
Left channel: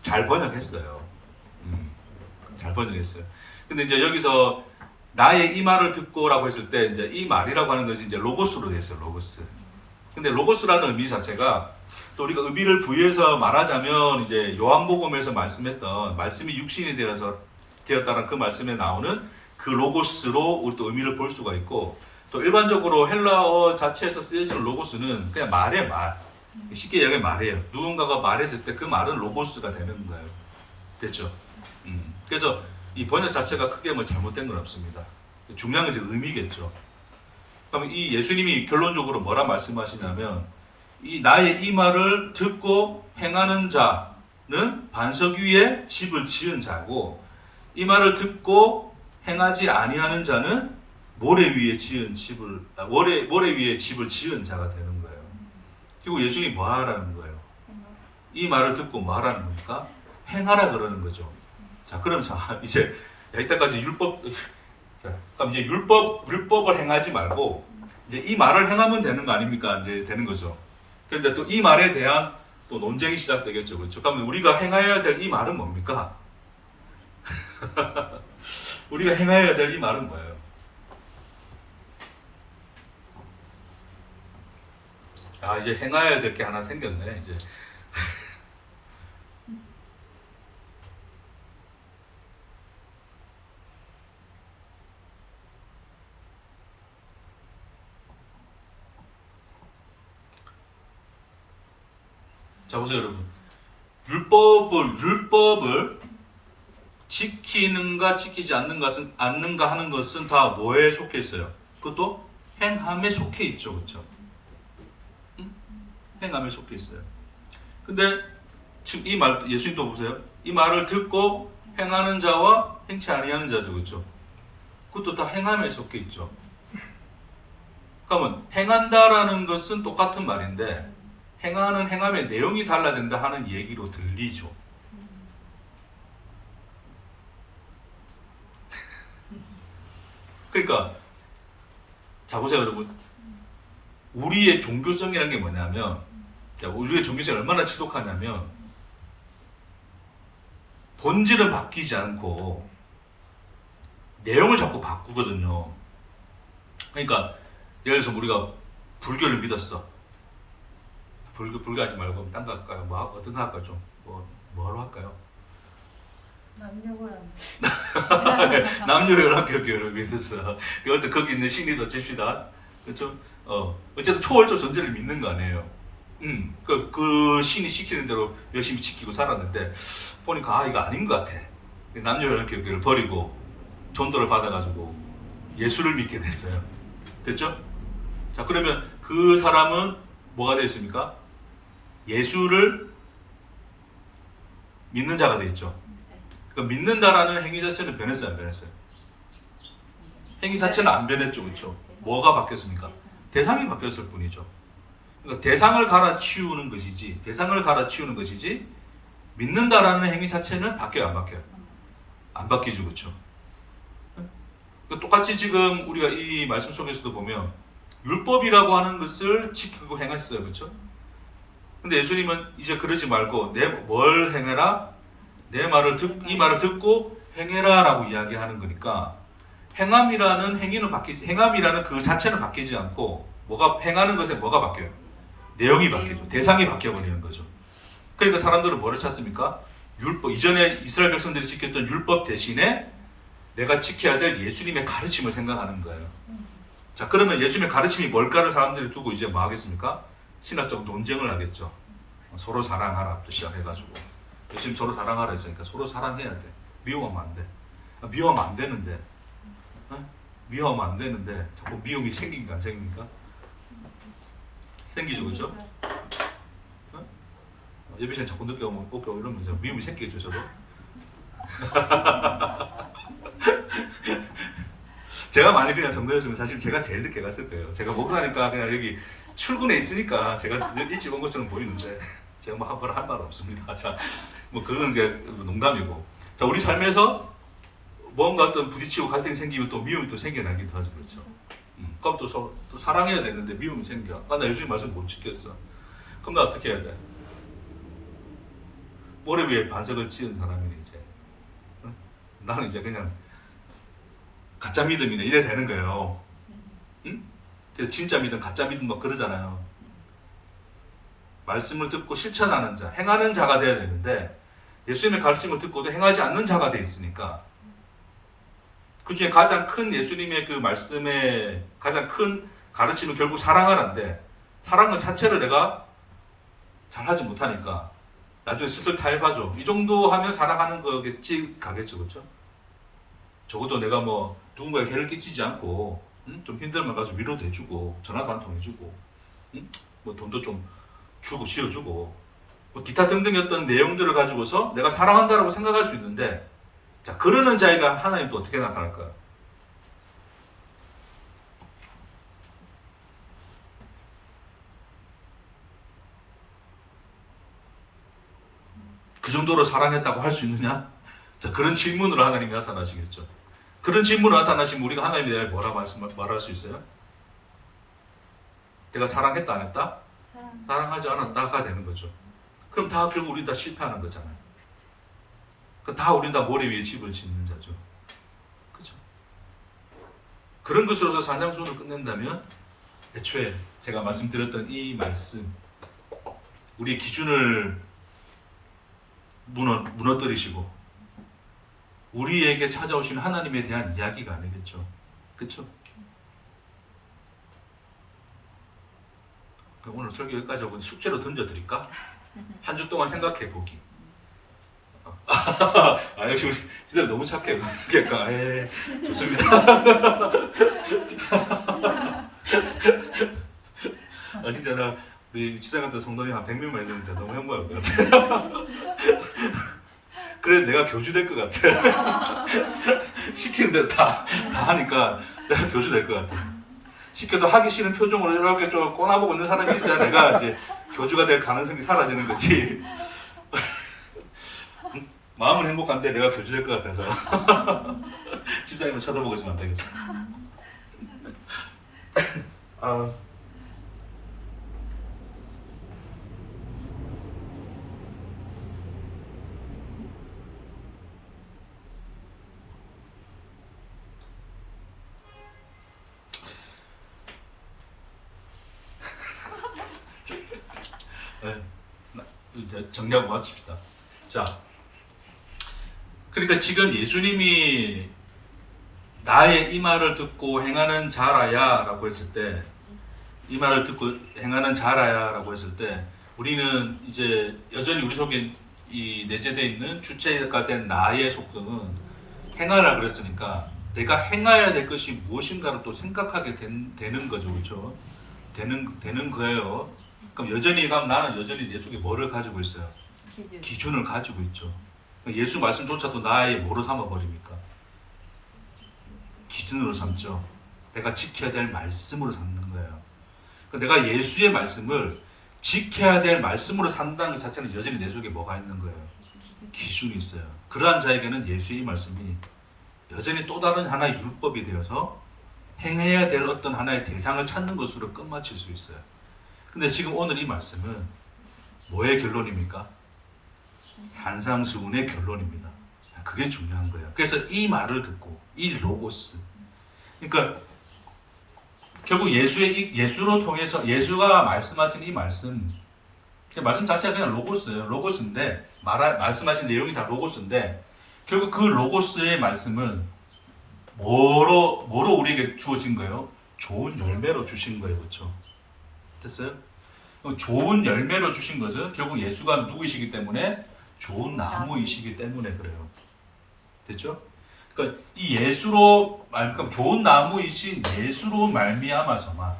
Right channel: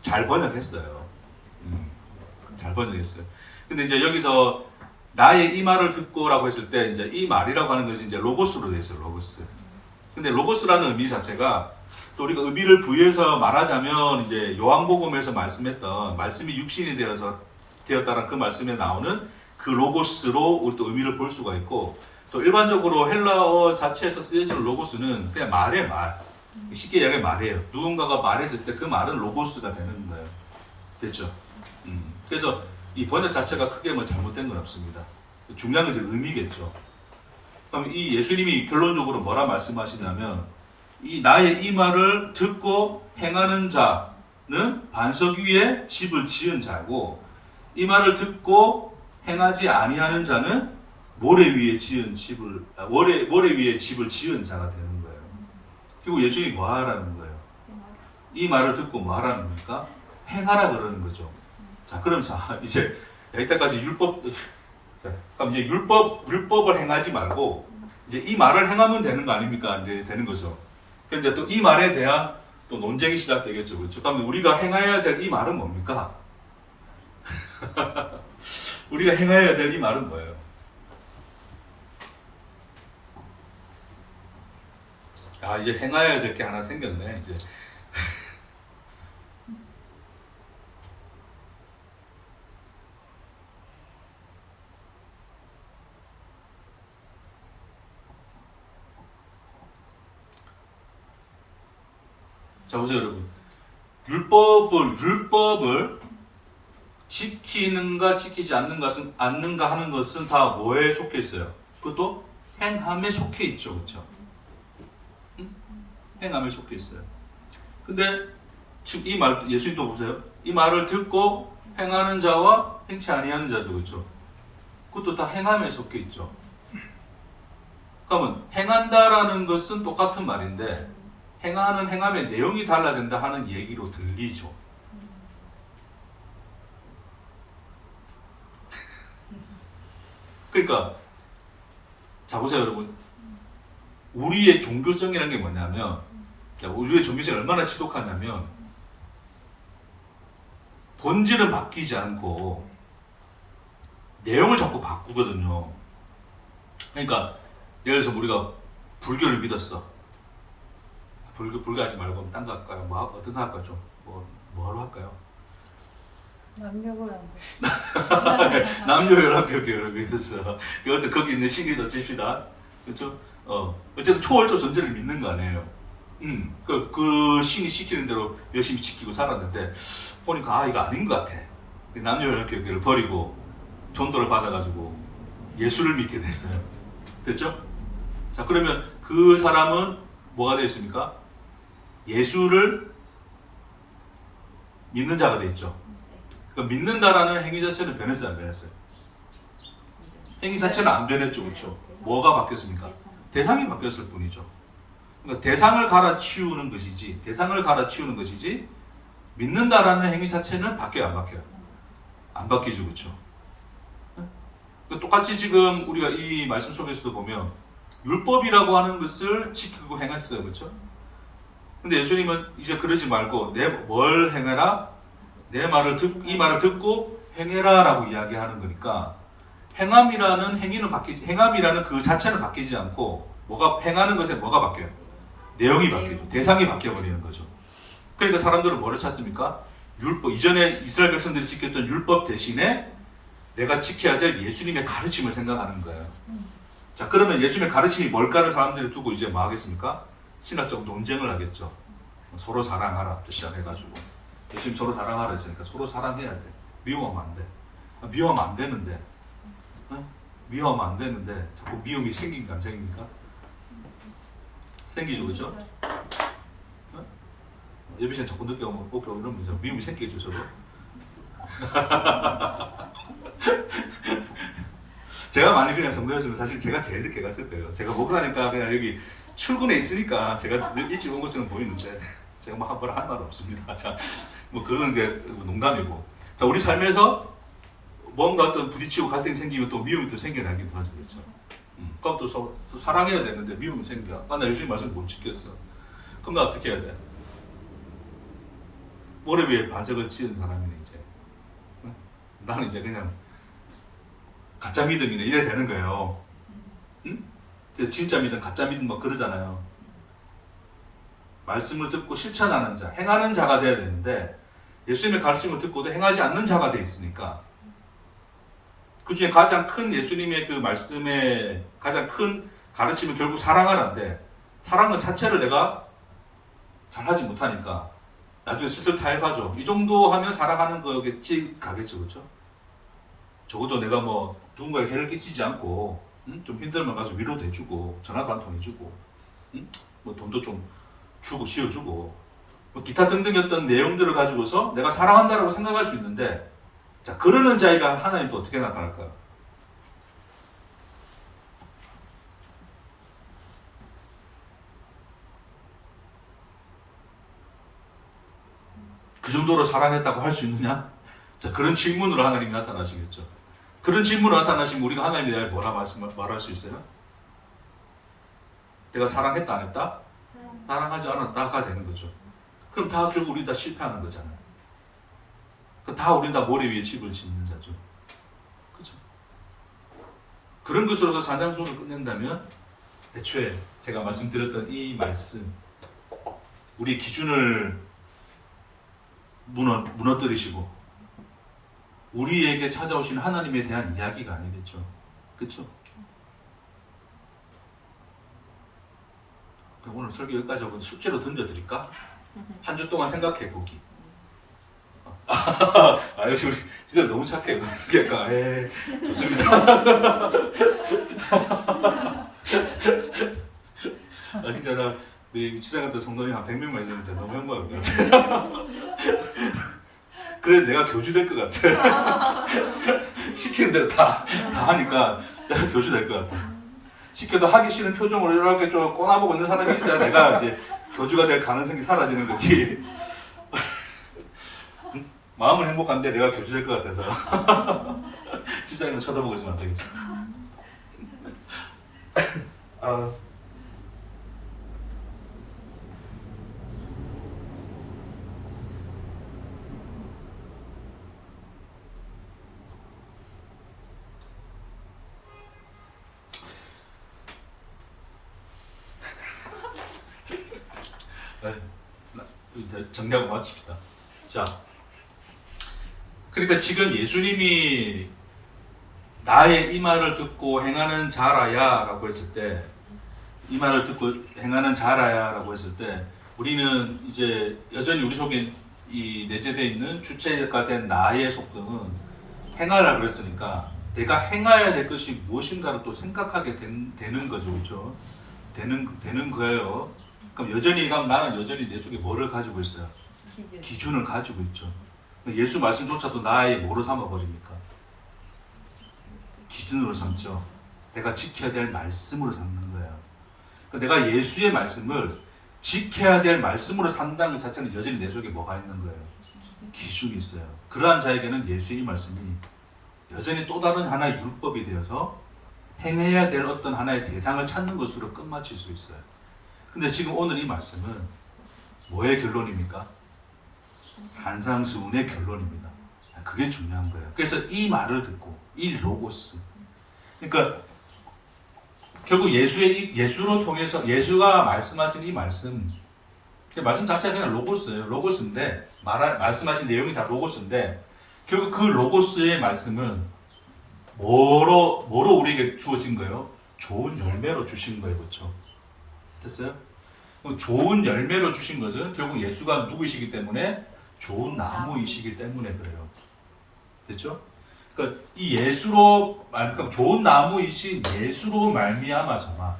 잘 번역했어요. 잘 번역했어요. 근데 이제 여기서 나의 이 말을 듣고라고 했을 때 이제 이 말이라고 하는 것이 이제 로고스로 되어 있어요. 로고스. 근데 로고스라는 의미 자체가 또 우리가 의미를 부여해서 말하자면 이제 요한복음에서 말씀했던 말씀이 육신이 되었다는 그 말씀에 나오는 그 로고스로 우리 또 의미를 볼 수가 있고 또 일반적으로 헬라어 자체에서 쓰여지는 로고스는 그냥 말이에요. 말. 쉽게 이야기하면 말이에요. 누군가가 말했을 때 그 말은 로고스가 되는 거예요. 됐죠? 그래서 이 번역 자체가 크게 뭐 잘못된 건 없습니다. 중요한 건 이제 의미겠죠. 그럼 이 예수님이 결론적으로 뭐라 말씀하시냐면 이 나의 이 말을 듣고 행하는 자는 반석 위에 집을 지은 자고 이 말을 듣고 행하지 아니하는 자는 모래 위에 집을 지은 자가 되는 거예요. 그리고 예수님이 뭐 하라는 거예요? 이 말을 듣고 뭐 하라는 겁니까? 행하라 그러는 거죠. 자, 그럼 자 이제 이때까지 율법 자, 그럼 이제 율법을 행하지 말고 이제 이 말을 행하면 되는 거 아닙니까? 이제 되는 거죠. 그래서 이제 또 이 말에 대한 또 논쟁이 시작되겠죠. 그렇죠? 그러면 우리가 행해야 될 이 말은 뭡니까? 우리가 행해야 될 이 말은 뭐예요? 아, 이제 행해야 될 게 하나 생겼네. 이제 자, 보세요, 여러분. 율법을 지키는가 지키지 않는가 하는 것은 다 뭐에 속해 있어요? 그것도 행함에 속해 있죠, 그렇죠? 응? 행함에 속해 있어요. 근데 지금 이 말, 예수님 또 보세요. 이 말을 듣고 행하는 자와 행치 아니하는 자죠, 그렇죠? 그것도 다 행함에 속해 있죠. 그러면 행한다라는 것은 똑같은 말인데 행하는 행함의 내용이 달라진다 하는 얘기로 들리죠. 그러니까 자 보세요 여러분, 우리의 종교성이라는 게 뭐냐면, 우리의 종교성이 얼마나 지독하냐면 본질은 바뀌지 않고 내용을 자꾸 바꾸거든요. 그러니까 예를 들어서 우리가 불교를 믿었어. 불교 하지 말고 딴 거 할까요? 뭐 어떤 거 할까요? 좀 뭐로 할까요? 남녀연합교회를 믿었어. 어떤 거기 있는 신리도 칩시다. 그렇죠? 어쨌든 초월적 존재를 믿는 거 아니에요. 그 신이 시키는 대로 열심히 지키고 살았는데 보니까 아 이거 아닌 것 같아. 남녀연합교회를 버리고 전도를 받아가지고 예수를 믿게 됐어요. 됐죠? 자 그러면 그 사람은 뭐가 되어 있습니까? 예수를 믿는 자가 되어 있죠. 그러니까 믿는다라는 행위 자체는 변했어요, 안 변했어요? 행위 자체는 안 변했죠, 그렇죠? 뭐가 바뀌었습니까? 대상이 바뀌었을 뿐이죠. 그러니까 대상을 갈아치우는 것이지 믿는다라는 행위 자체는 바뀌어요, 안 바뀌어요? 안 바뀌죠, 그렇죠? 그러니까 똑같이 지금 우리가 이 말씀 속에서도 보면 율법이라고 하는 것을 지키고 행했어요, 그렇죠? 근데 예수님은 이제 그러지 말고 뭘 행해라? 이 말을 듣고 행해라라고 이야기하는 거니까 행함이라는 행함이라는 그 자체는 바뀌지 않고 행하는 것에 뭐가 바뀌어요? 내용이 바뀌죠. 대상이 바뀌어 버리는 거죠. 그러니까 사람들은 뭐를 찾습니까? 율법, 이전에 이스라엘 백성들이 지켰던 율법 대신에 내가 지켜야 될 예수님의 가르침을 생각하는 거예요. 자, 그러면 예수님의 가르침이 뭘까를 사람들이 두고 이제 뭐 하겠습니까? 신학적 논쟁을 하겠죠. 서로 사랑하라부터 시작해가지고. 예수님 서로 사랑하라 했으니까 서로 사랑해야 돼. 미워하면 안 돼. 미워하면 안 되는데. 미워하면 안 되는데 자꾸 미움이 생긴가 안 생깁니까? 생기죠, 그죠? 예비 씨는 자꾸 늦게 오면 이러면 이제 미움이 생기겠죠, 저도. 제가 많이 그냥 성도였으면 사실 제가 제일 늦게 갔을 거예요. 제가 목사니까 그냥 여기 출근해 있으니까 제가 일찍 온 것처럼 보이는데 제가 뭐 한번 할 말 없습니다. 자, 뭐 그건 이제 농담이고. 자, 우리 삶에서 뭔가 어떤 부딪히고 갈등이 생기면 또 미움이 또 생겨나기도 하죠, 그렇죠? 그럼 또 사랑해야 되는데 미움이 생겨. 나 요즘 말씀 못 지켰어. 그럼 나 어떻게 해야 돼? 모래 위에 반석을 지은 사람이네 이제. 나는 이제 그냥 가짜 믿음이네 이래 되는 거예요. 응? 진짜 믿음, 가짜 믿음 막 그러잖아요. 말씀을 듣고 실천하는 자, 행하는 자가 돼야 되는데 예수님의 가르침을 듣고도 행하지 않는 자가 돼 있으니까 그 중에 가장 큰 예수님의 그 말씀의 가장 큰 가르침은 결국 사랑하라인데 사랑의 자체를 내가 잘하지 못하니까 나중에 슬슬 타협하죠. 이 정도 하면 사랑하는 거겠지 가겠죠, 그렇죠? 적어도 내가 뭐 누군가에게 해를 끼치지 않고 좀 힘들면 가서 위로도 해주고 전화도 한 통 해주고 뭐 돈도 좀 주고 씌워주고 뭐 기타 등등의 어떤 내용들을 가지고서 내가 사랑한다라고 생각할 수 있는데 자 그러는 자가 하나님 또 어떻게 나타날까요? 그 정도로 사랑했다고 할 수 있느냐? 자, 그런 질문으로 하나님이 나타나시겠죠. 그런 질문으로 나타나시면 우리가 하나님에 대해 뭐라 말할 수 있어요? 내가 사랑했다 안 했다? 사랑하지 않았다가 되는 거죠. 그럼 다 결국 우리 다 실패하는 거잖아요. 다 우리 다 모래 위에 집을 짓는 자죠. 그죠? 그런 것으로서 산상수훈을 끝낸다면 애초에 제가 말씀드렸던 이 말씀, 우리의 기준을 무너뜨리시고 우리에게 찾아오신 하나님에 대한 이야기가 아니겠죠. 그렇죠? 오늘 설교 여기까지 하고 숙제로 던져드릴까? 한 주 동안 생각해 보기. 역시 우리 지들 너무 착해. 그러니까 좋습니다. 진짜 나 우리 지사관들 성도님 한 100명만 있으면 진짜 너무 행복할 것 같아. 그래 내가 교주 될 것 같아. 시키는 대로 다 하니까 내가 교주 될 것 같아. 시켜도 하기 싫은 표정으로 이렇게 좀 꼬나보고 있는 사람이 있어야 내가 이제 교주가 될 가능성이 사라지는 거지. 마음은 행복한데 내가 교주 될 것 같아서. 집사님은 쳐다보고 있으면 안 되겠다. 이제 정리하고 마칩시다. 자, 그러니까 지금 예수님이 나의 이 말을 듣고 행하는 자라야라고 했을 때, 이 말을 듣고 행하는 자라야라고 했을 때, 우리는 이제 여전히 우리 속에 이 내재되어 있는 주체가 된 나의 속성은 행하라 그랬으니까 내가 행해야 될 것이 무엇인가를 또 생각하게 되는 거죠, 그렇죠? 되는 거예요. 그럼 나는 여전히 내 속에 뭐를 가지고 있어요? 기준을 가지고 있죠. 예수 말씀조차도 나의 뭐로 삼아버립니까? 기준으로 삼죠. 내가 지켜야 될 말씀으로 삼는 거예요. 내가 예수의 말씀을 지켜야 될 말씀으로 산다는 것 자체는 여전히 내 속에 뭐가 있는 거예요? 기준이 있어요. 그러한 자에게는 예수의 이 말씀이 여전히 또 다른 하나의 율법이 되어서 행해야 될 어떤 하나의 대상을 찾는 것으로 끝마칠 수 있어요. 근데 지금 오늘 이 말씀은 뭐의 결론입니까? 산상수훈의 결론입니다. 그게 중요한 거예요. 그래서 이 말을 듣고 이 로고스, 그러니까 결국 예수로 통해서 예수가 말씀하신 이 말씀 자체가 그냥 로고스예요. 로고스인데 말씀하신 내용이 다 로고스인데 결국 그 로고스의 말씀은 뭐로 우리에게 주어진 거예요? 좋은 열매로 주신 거예요, 그렇죠? 됐어요? 좋은 열매로 주신 것은 결국 예수가 누구이시기 때문에 좋은 나무이시기 때문에 그래요. 됐죠? 그러니까 이 그러니까 좋은 나무이신 예수로 말미암아서만,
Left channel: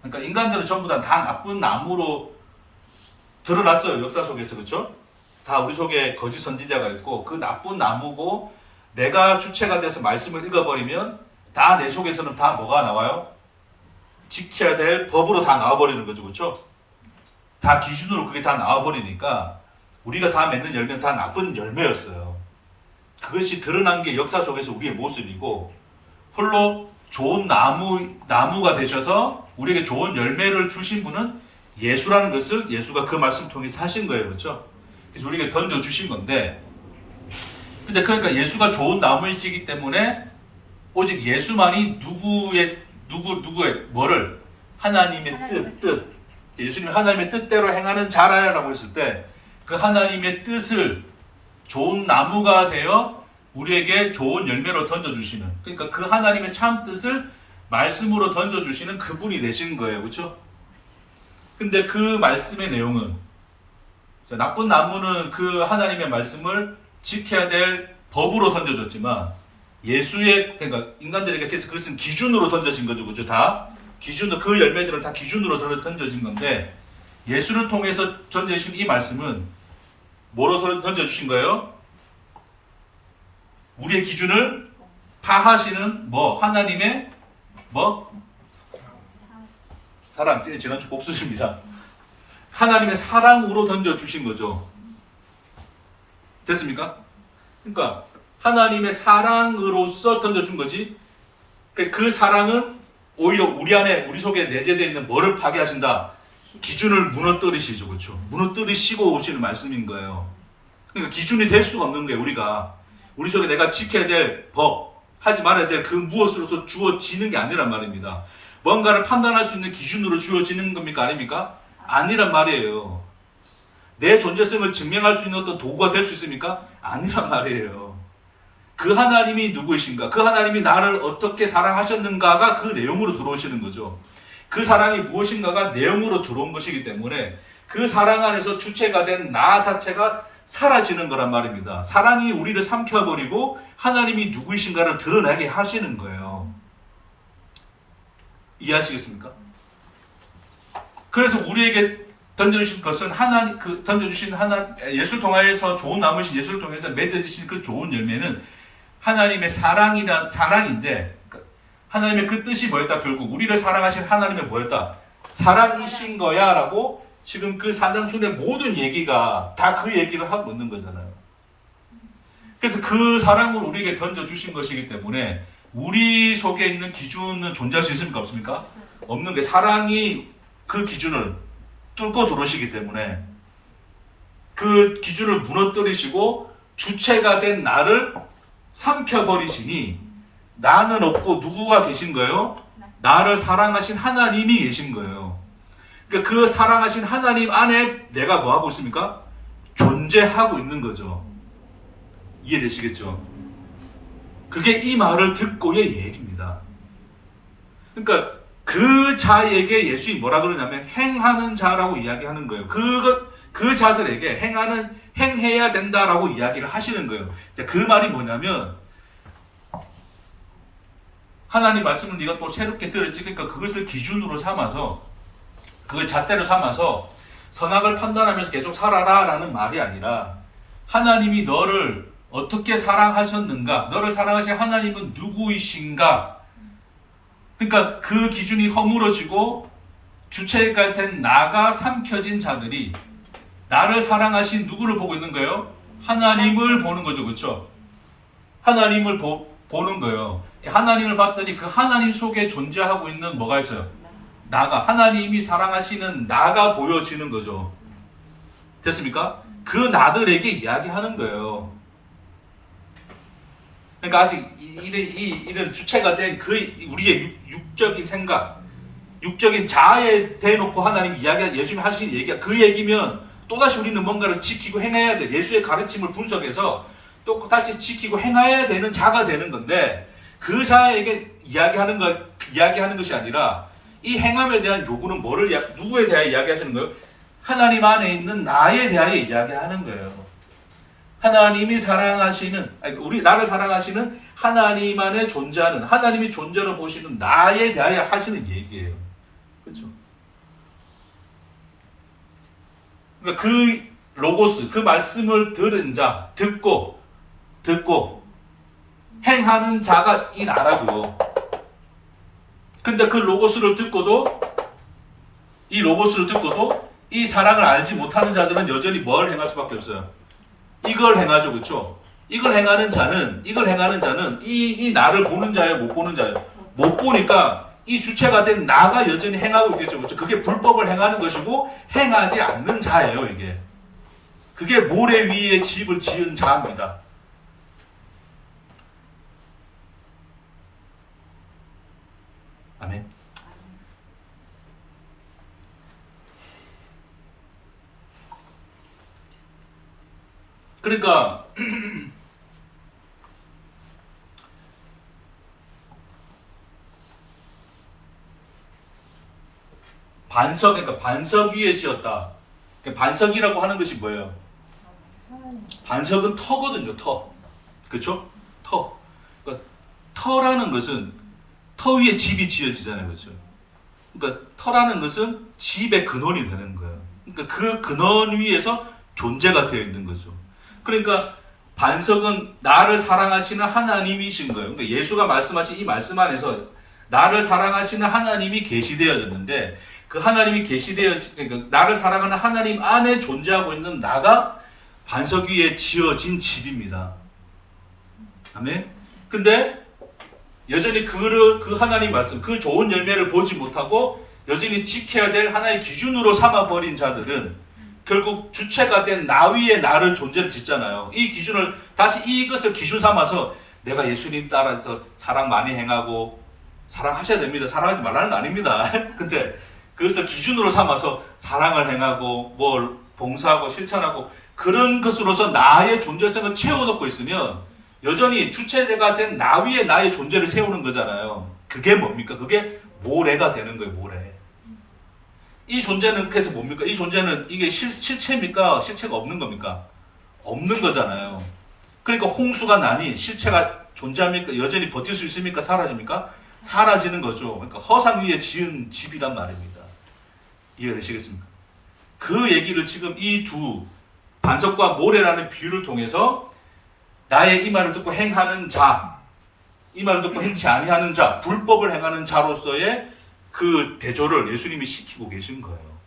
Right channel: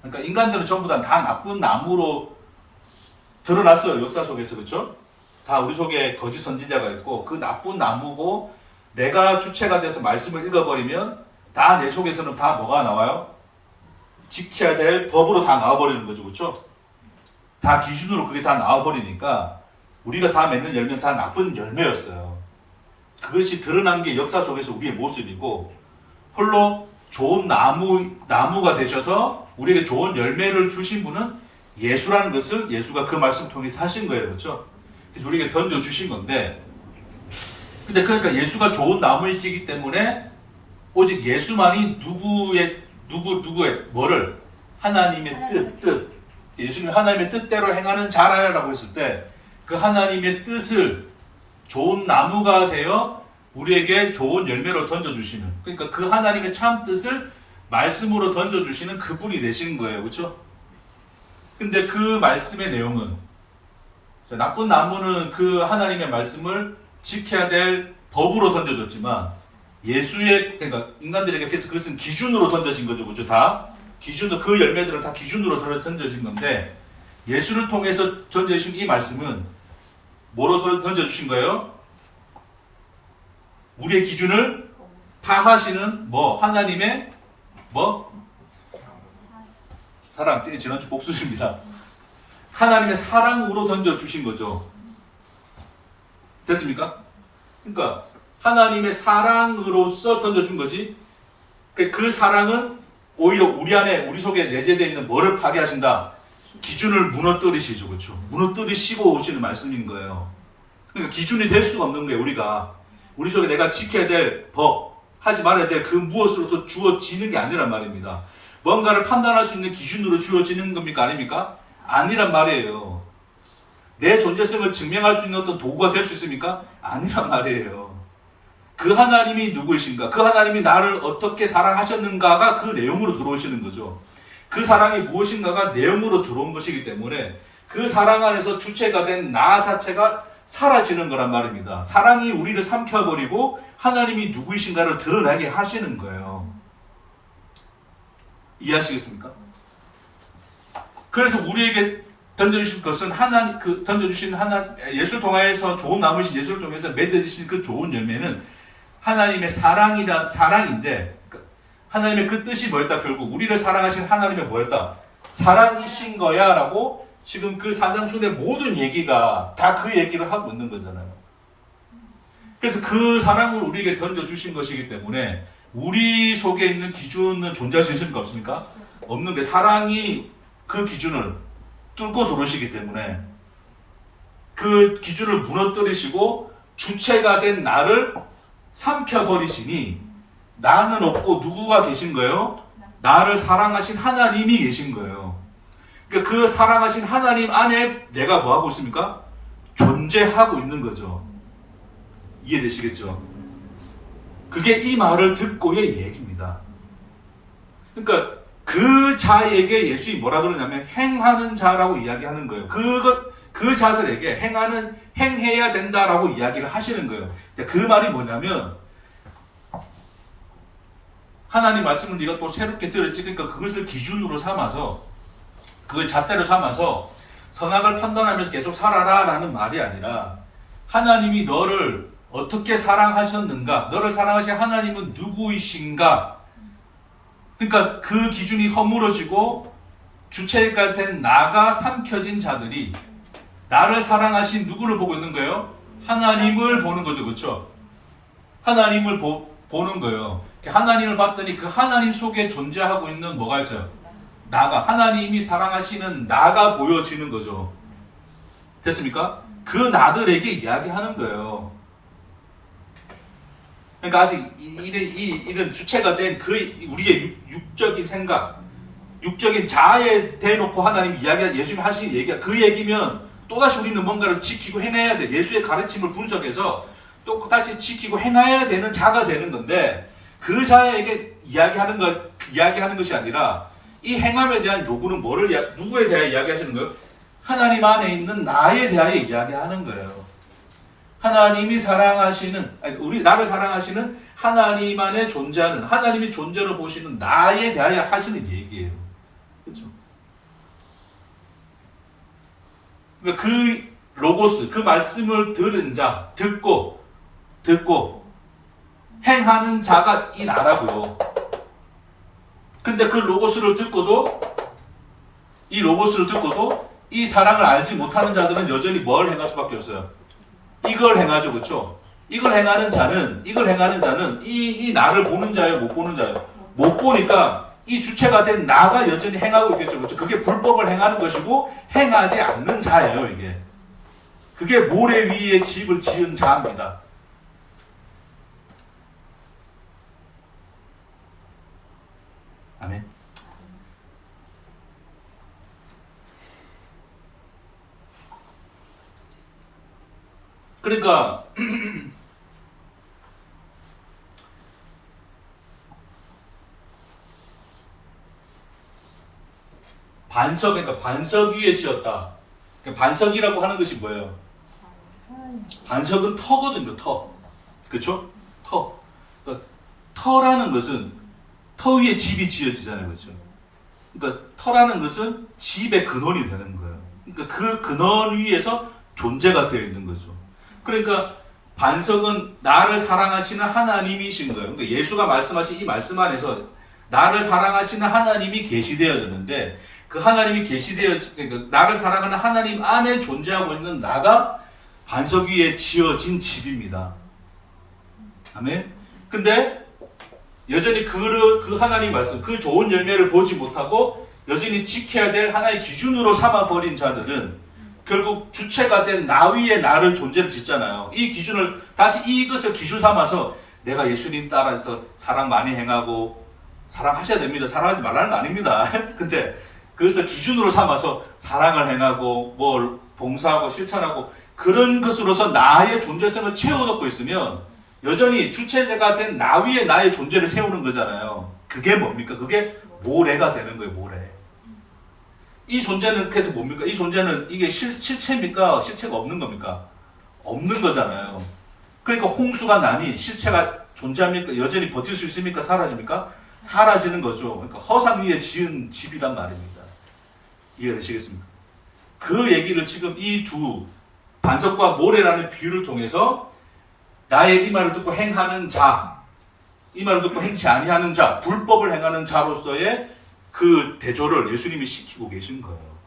그러니까 인간들은 전부 다 나쁜 나무로 드러났어요, 역사 속에서. 그렇죠? 다 우리 속에 거짓 선지자가 있고 그 나쁜 나무고, 내가 주체가 돼서 말씀을 읽어버리면 다 내 속에서는 다 뭐가 나와요? 지켜야 될 법으로 다 나와버리는 거죠. 그렇죠? 다 기준으로 그게 다 나와버리니까 우리가 다 맺는 열매는 다 나쁜 열매였어요. 그것이 드러난 게 역사 속에서 우리의 모습이고, 홀로 좋은 나무가 되셔서 우리에게 좋은 열매를 주신 분은 예수라는 것을 예수가 그 말씀을 통해서 하신 거예요. 그렇죠? 그래서 우리에게 던져주신 건데, 근데 그러니까 예수가 좋은 나무이시기 때문에 오직 예수만이 누구의 뭐를 하나님의 뜻 예수님이 하나님의 뜻대로 행하는 자라야라고 했을 때 그 하나님의 뜻을 좋은 나무가 되어 우리에게 좋은 열매로 던져주시는, 그러니까 그 하나님의 참 뜻을 말씀으로 던져주시는 그분이 되신 거예요. 그렇죠? 근데 그 말씀의 내용은, 나쁜 나무는 그 하나님의 말씀을 지켜야 될 법으로 던져졌지만 그러니까 인간들에게 그래서 그것은 기준으로 던져진 거죠. 그죠? 다 기준으로, 그 열매들은 다 기준으로 던져진 건데, 예수를 통해서 던져주신 이 말씀은 뭐로 던져주신 거예요? 우리의 기준을 파하시는 하나님의 사랑. 지난주 복수입니다. 하나님의 사랑으로 던져주신 거죠. 됐습니까? 그러니까 하나님의 사랑으로서 던져준 거지. 그 사랑은 오히려 우리 안에, 우리 속에 내재되어 있는 뭐를 파괴하신다? 기준을 무너뜨리시죠. 그렇죠? 무너뜨리시고 오시는 말씀인 거예요. 그러니까 기준이 될 수가 없는 거예요. 우리가. 우리 속에 내가 지켜야 될 법, 하지 말아야 될 그 무엇으로서 주어지는 게 아니란 말입니다. 뭔가를 판단할 수 있는 기준으로 주어지는 겁니까? 아닙니까? 아니란 말이에요. 내 존재성을 증명할 수 있는 어떤 도구가 될 수 있습니까? 아니란 말이에요. 그 하나님이 누구이신가? 그 하나님이 나를 어떻게 사랑하셨는가가 그 내용으로 들어오시는 거죠. 그 사랑이 무엇인가가 내용으로 들어온 것이기 때문에 그 사랑 안에서 주체가 된 나 자체가 사라지는 거란 말입니다. 사랑이 우리를 삼켜버리고 하나님이 누구이신가를 드러나게 하시는 거예요. 이해하시겠습니까? 그래서 우리에게 던져주신 것은 던져주신 예수를 통해서 좋은 나무이신 예수를 통해서 맺어지신 그 좋은 열매는 하나님의 사랑인데, 하나님의 그 뜻이 뭐였다? 결국 우리를 사랑하신 하나님의 뭐였다? 사랑이신 거야 라고 지금 그 산상순의 모든 얘기가 다 그 얘기를 하고 있는 거잖아요. 그래서 그 사랑을 우리에게 던져주신 것이기 때문에 우리 속에 있는 기준은 존재할 수 있습니까? 없습니까? 없는 게, 사랑이 그 기준을 뚫고 들어오시기 때문에 그 기준을 무너뜨리시고 주체가 된 나를 삼켜버리시니 나는 없고 누구가 계신 거예요? 나를 사랑하신 하나님이 계신 거예요. 그러니까 그 사랑하신 하나님 안에 내가 뭐 하고 있습니까? 존재하고 있는 거죠. 이해되시겠죠? 그게 이 말을 듣고의 얘기입니다. 그러니까 그 자에게 예수님이 뭐라 그러냐면 행하는 자라고 이야기하는 거예요. 그 자들에게 행해야 된다라고 이야기를 하시는 거예요. 그 말이 뭐냐면, 하나님 말씀을 네가 또 새롭게 들었지. 그러니까 그것을 기준으로 삼아서, 그걸 잣대로 삼아서 선악을 판단하면서 계속 살아라 라는 말이 아니라, 하나님이 너를 어떻게 사랑하셨는가, 너를 사랑하신 하나님은 누구이신가, 그러니까 그 기준이 허물어지고 주체가 된 나가 삼켜진 자들이 나를 사랑하신 누구를 보고 있는 거예요? 하나님을 보는 거죠. 그렇죠? 하나님을 보는 거예요. 하나님을 봤더니 그 하나님 속에 존재하고 있는 뭐가 있어요? 나가, 하나님이 사랑하시는 나가 보여지는 거죠. 됐습니까? 그 나들에게 이야기하는 거예요. 그러니까 아직 이런 주체가 된 그 우리의 육적인 생각, 육적인 자아에 대놓고 하나님 예수님이 하신 얘기가 그 얘기면 또다시 우리는 뭔가를 지키고 행해야 돼. 예수의 가르침을 분석해서 또 다시 지키고 행해야 되는 자가 되는 건데, 그 자에게 이야기하는 것이 아니라 이 행함에 대한 요구는 누구에 대하여 이야기하시는 거예요? 하나님 안에 있는 나에 대하여 이야기하는 거예요. 하나님이 나를 사랑하시는 하나님 안에 존재하는, 하나님이 존재로 보시는 나에 대하여 하시는 얘기예요. 그렇죠? 그러니까 그 로고스, 그 말씀을 들은 자, 듣고 행하는 자가 이 나라고요. 근데 그 로고스를 듣고도 이 사랑을 알지 못하는 자들은 여전히 뭘 행할 수밖에 없어요? 이걸 행하죠. 그렇죠? 이걸 행하는 자는 이 나를 보는 자예요, 못 보는 자예요? 못 보니까 이 주체가 된 나가 여전히 행하고 있겠죠. 그렇죠? 그게 불법을 행하는 것이고 행하지 않는 자예요, 이게. 그게 모래 위에 집을 지은 자입니다. 아멘. 그러니까 반석 위에 지었다. 반석이라고 하는 것이 뭐예요? 반석은 터거든요, 터. 그렇죠? 터. 그러니까 터라는 것은 터 위에 집이 지어지잖아요, 그렇죠? 그러니까 터라는 것은 집의 근원이 되는 거예요. 그러니까 그 근원 위에서 존재가 되어 있는 거죠. 그러니까 반석은 나를 사랑하시는 하나님이신 거예요. 그러니까 예수가 말씀하신 이 말씀 안에서 나를 사랑하시는 하나님이 계시되어졌는데, 그 하나님이 그러니까 나를 사랑하는 하나님 안에 존재하고 있는 나가 반석 위에 지어진 집입니다. 아멘. 근데 여전히 그 하나님 말씀, 그 좋은 열매를 보지 못하고 여전히 지켜야 될 하나의 기준으로 삼아버린 자들은 결국 주체가 된 나 위에 나를 존재를 짓잖아요. 이 기준을 다시 이것을 기준 삼아서 내가 예수님 따라서 사랑 많이 행하고 사랑하셔야 됩니다. 사랑하지 말라는 거 아닙니다. 근데 그것을 기준으로 삼아서 사랑을 행하고 뭘 봉사하고 실천하고 그런 것으로서 나의 존재성을 채워넣고 있으면 여전히 주체가 된 나 위에 나의 존재를 세우는 거잖아요. 그게 뭡니까? 그게 모래가 되는 거예요. 모래. 이 존재는 그래서 뭡니까? 이 존재는 이게 실체입니까? 실체가 없는 겁니까? 없는 거잖아요. 그러니까 홍수가 나니 실체가 존재합니까? 여전히 버틸 수 있습니까? 사라집니까? 사라지는 거죠. 그러니까 허상 위에 지은 집이란 말입니다. 이해되시겠습니까? 그 얘기를 지금 이 두 반석과 모래라는 비유를 통해서 나의 이 말을 듣고 행하는 자, 이 말을 듣고 행치 아니하는 자, 불법을 행하는 자로서의 그 대조를 예수님이 시키고 계신 거예요.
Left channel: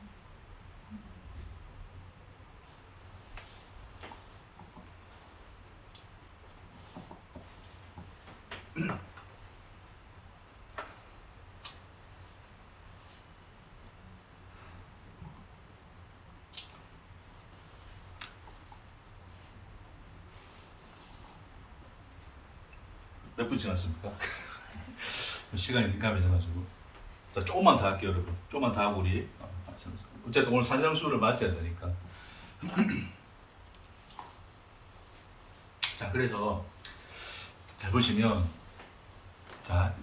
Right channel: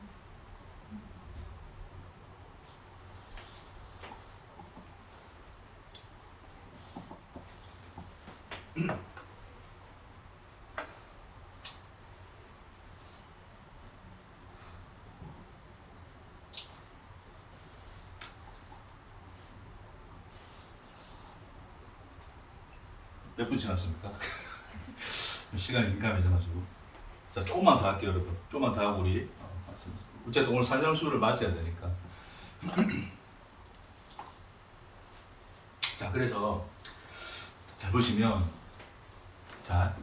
몇 분 지났습니까? 시간이 민감해져가지고. 자, 조금만 더 할게요, 여러분. 조금만 더 하고 우리 어쨌든 오늘 산상수를 맞춰야 되니까. 자, 그래서 잘 보시면 자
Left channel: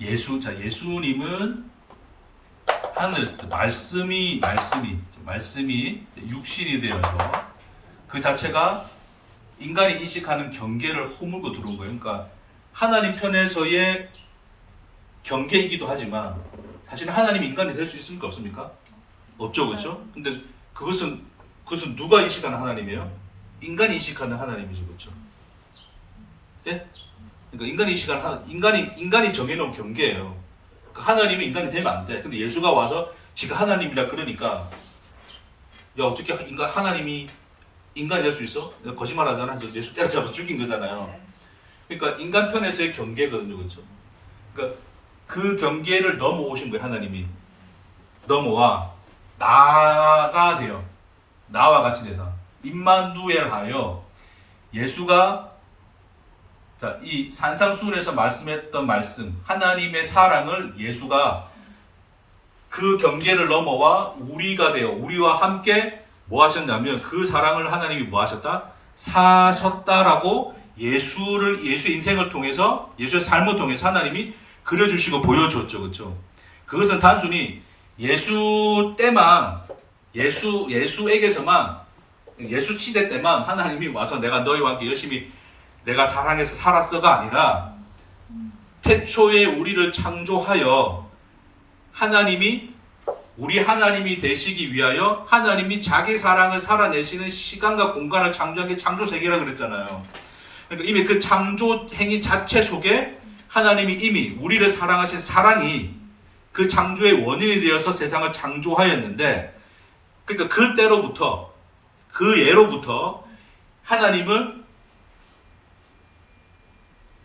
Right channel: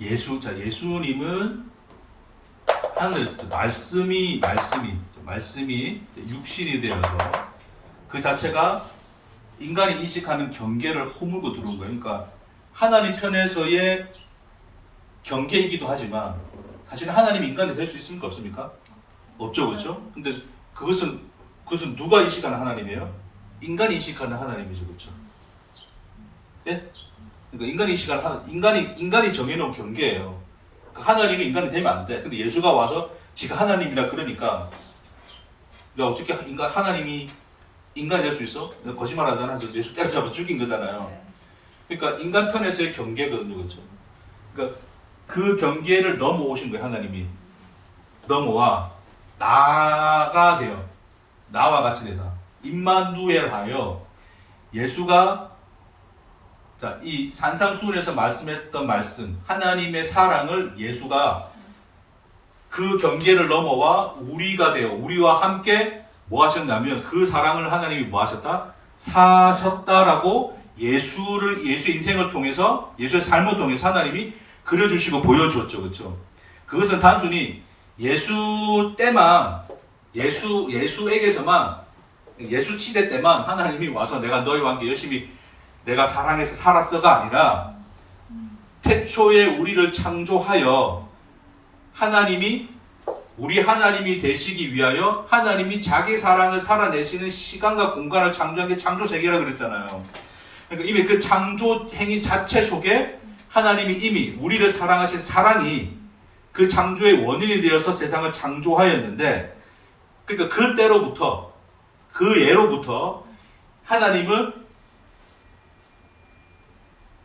예수님은 하늘 말씀이 육신이 되어서 그 자체가 인간이 인식하는 경계를 허물고 들어온 거예요. 그러니까 하나님 편에서의 경계이기도 하지만 사실은 하나님이 인간이 될 수 있습니까? 없습니까? 없죠, 그렇죠? 근데 그것은 누가 인식하는 하나님이에요? 인간이 인식하는 하나님이죠, 그렇죠? 예? 그러니까 인간이 정해놓은 경계예요. 그러니까 하나님이 인간이 되면 안 돼. 근데 예수가 와서 지가 하나님이라 그러니까 야 어떻게 하나님이 인간이 될 수 있어? 거짓말하잖아. 그래서 예수 때려잡아 죽인 거잖아요. 그러니까 인간 편에서의 경계거든요, 그렇죠? 그러니까 그 경계를 넘어오신 거예요, 하나님이. 넘어와 나가 되어 나와 같이 돼서 임마누엘하여 예수가 자, 이 산상수훈에서 말씀했던 말씀 하나님의 사랑을 예수가 그 경계를 넘어와 우리가 되어 우리와 함께 뭐 하셨냐면 그 사랑을 하나님이 뭐 하셨다? 사셨다라고 예수의 인생을 통해서 예수의 삶을 통해서 하나님이 그려주시고 보여주었죠. 그렇죠? 그것은 단순히 예수 때만 예수에게서만 예수 시대 때만 하나님이 와서 내가 너희와 함께 열심히 내가 사랑해서 살았어가 아니라 태초에 우리를 창조하여 하나님이 우리 하나님이 되시기 위하여 하나님이 자기 사랑을 살아내시는 시간과 공간을 창조한 게 창조세계라 그랬잖아요. 그러니까 이미 그 창조 행위 자체 속에 하나님이 이미 우리를 사랑하신 사랑이 그 창조의 원인이 되어서 세상을 창조하였는데 그러니까 그때로부터 그 예로부터 하나님은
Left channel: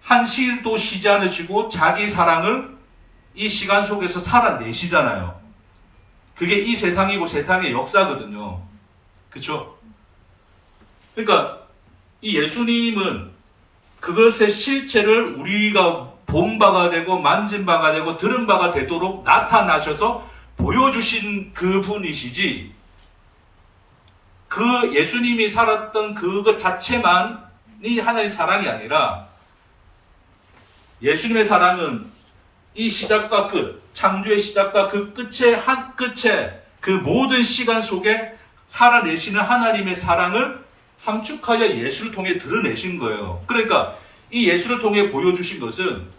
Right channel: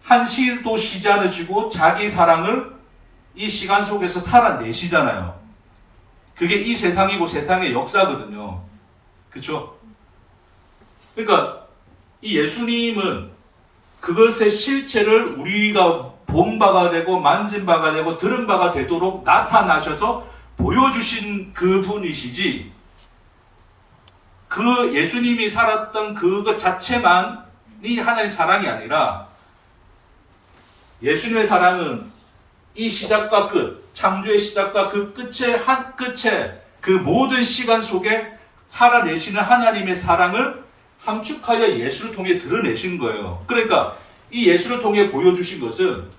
한시도 쉬지 않으시고 자기 사랑을 이 시간 속에서 살아내시잖아요. 그게 이 세상이고 세상의 역사거든요. 그렇죠? 그러니까 이 예수님은 그것의 실체를 우리가 본 바가 되고 만진 바가 되고 들은 바가 되도록 나타나셔서 보여주신 그분이시지 그 예수님이 살았던 그것 자체만이 하나님 사랑이 아니라 예수님의 사랑은 이 시작과 끝, 창조의 시작과 그 끝에 그 모든 시간 속에 살아내시는 하나님의 사랑을 함축하여 예수를 통해 드러내신 거예요. 그러니까 이 예수를 통해 보여주신 것은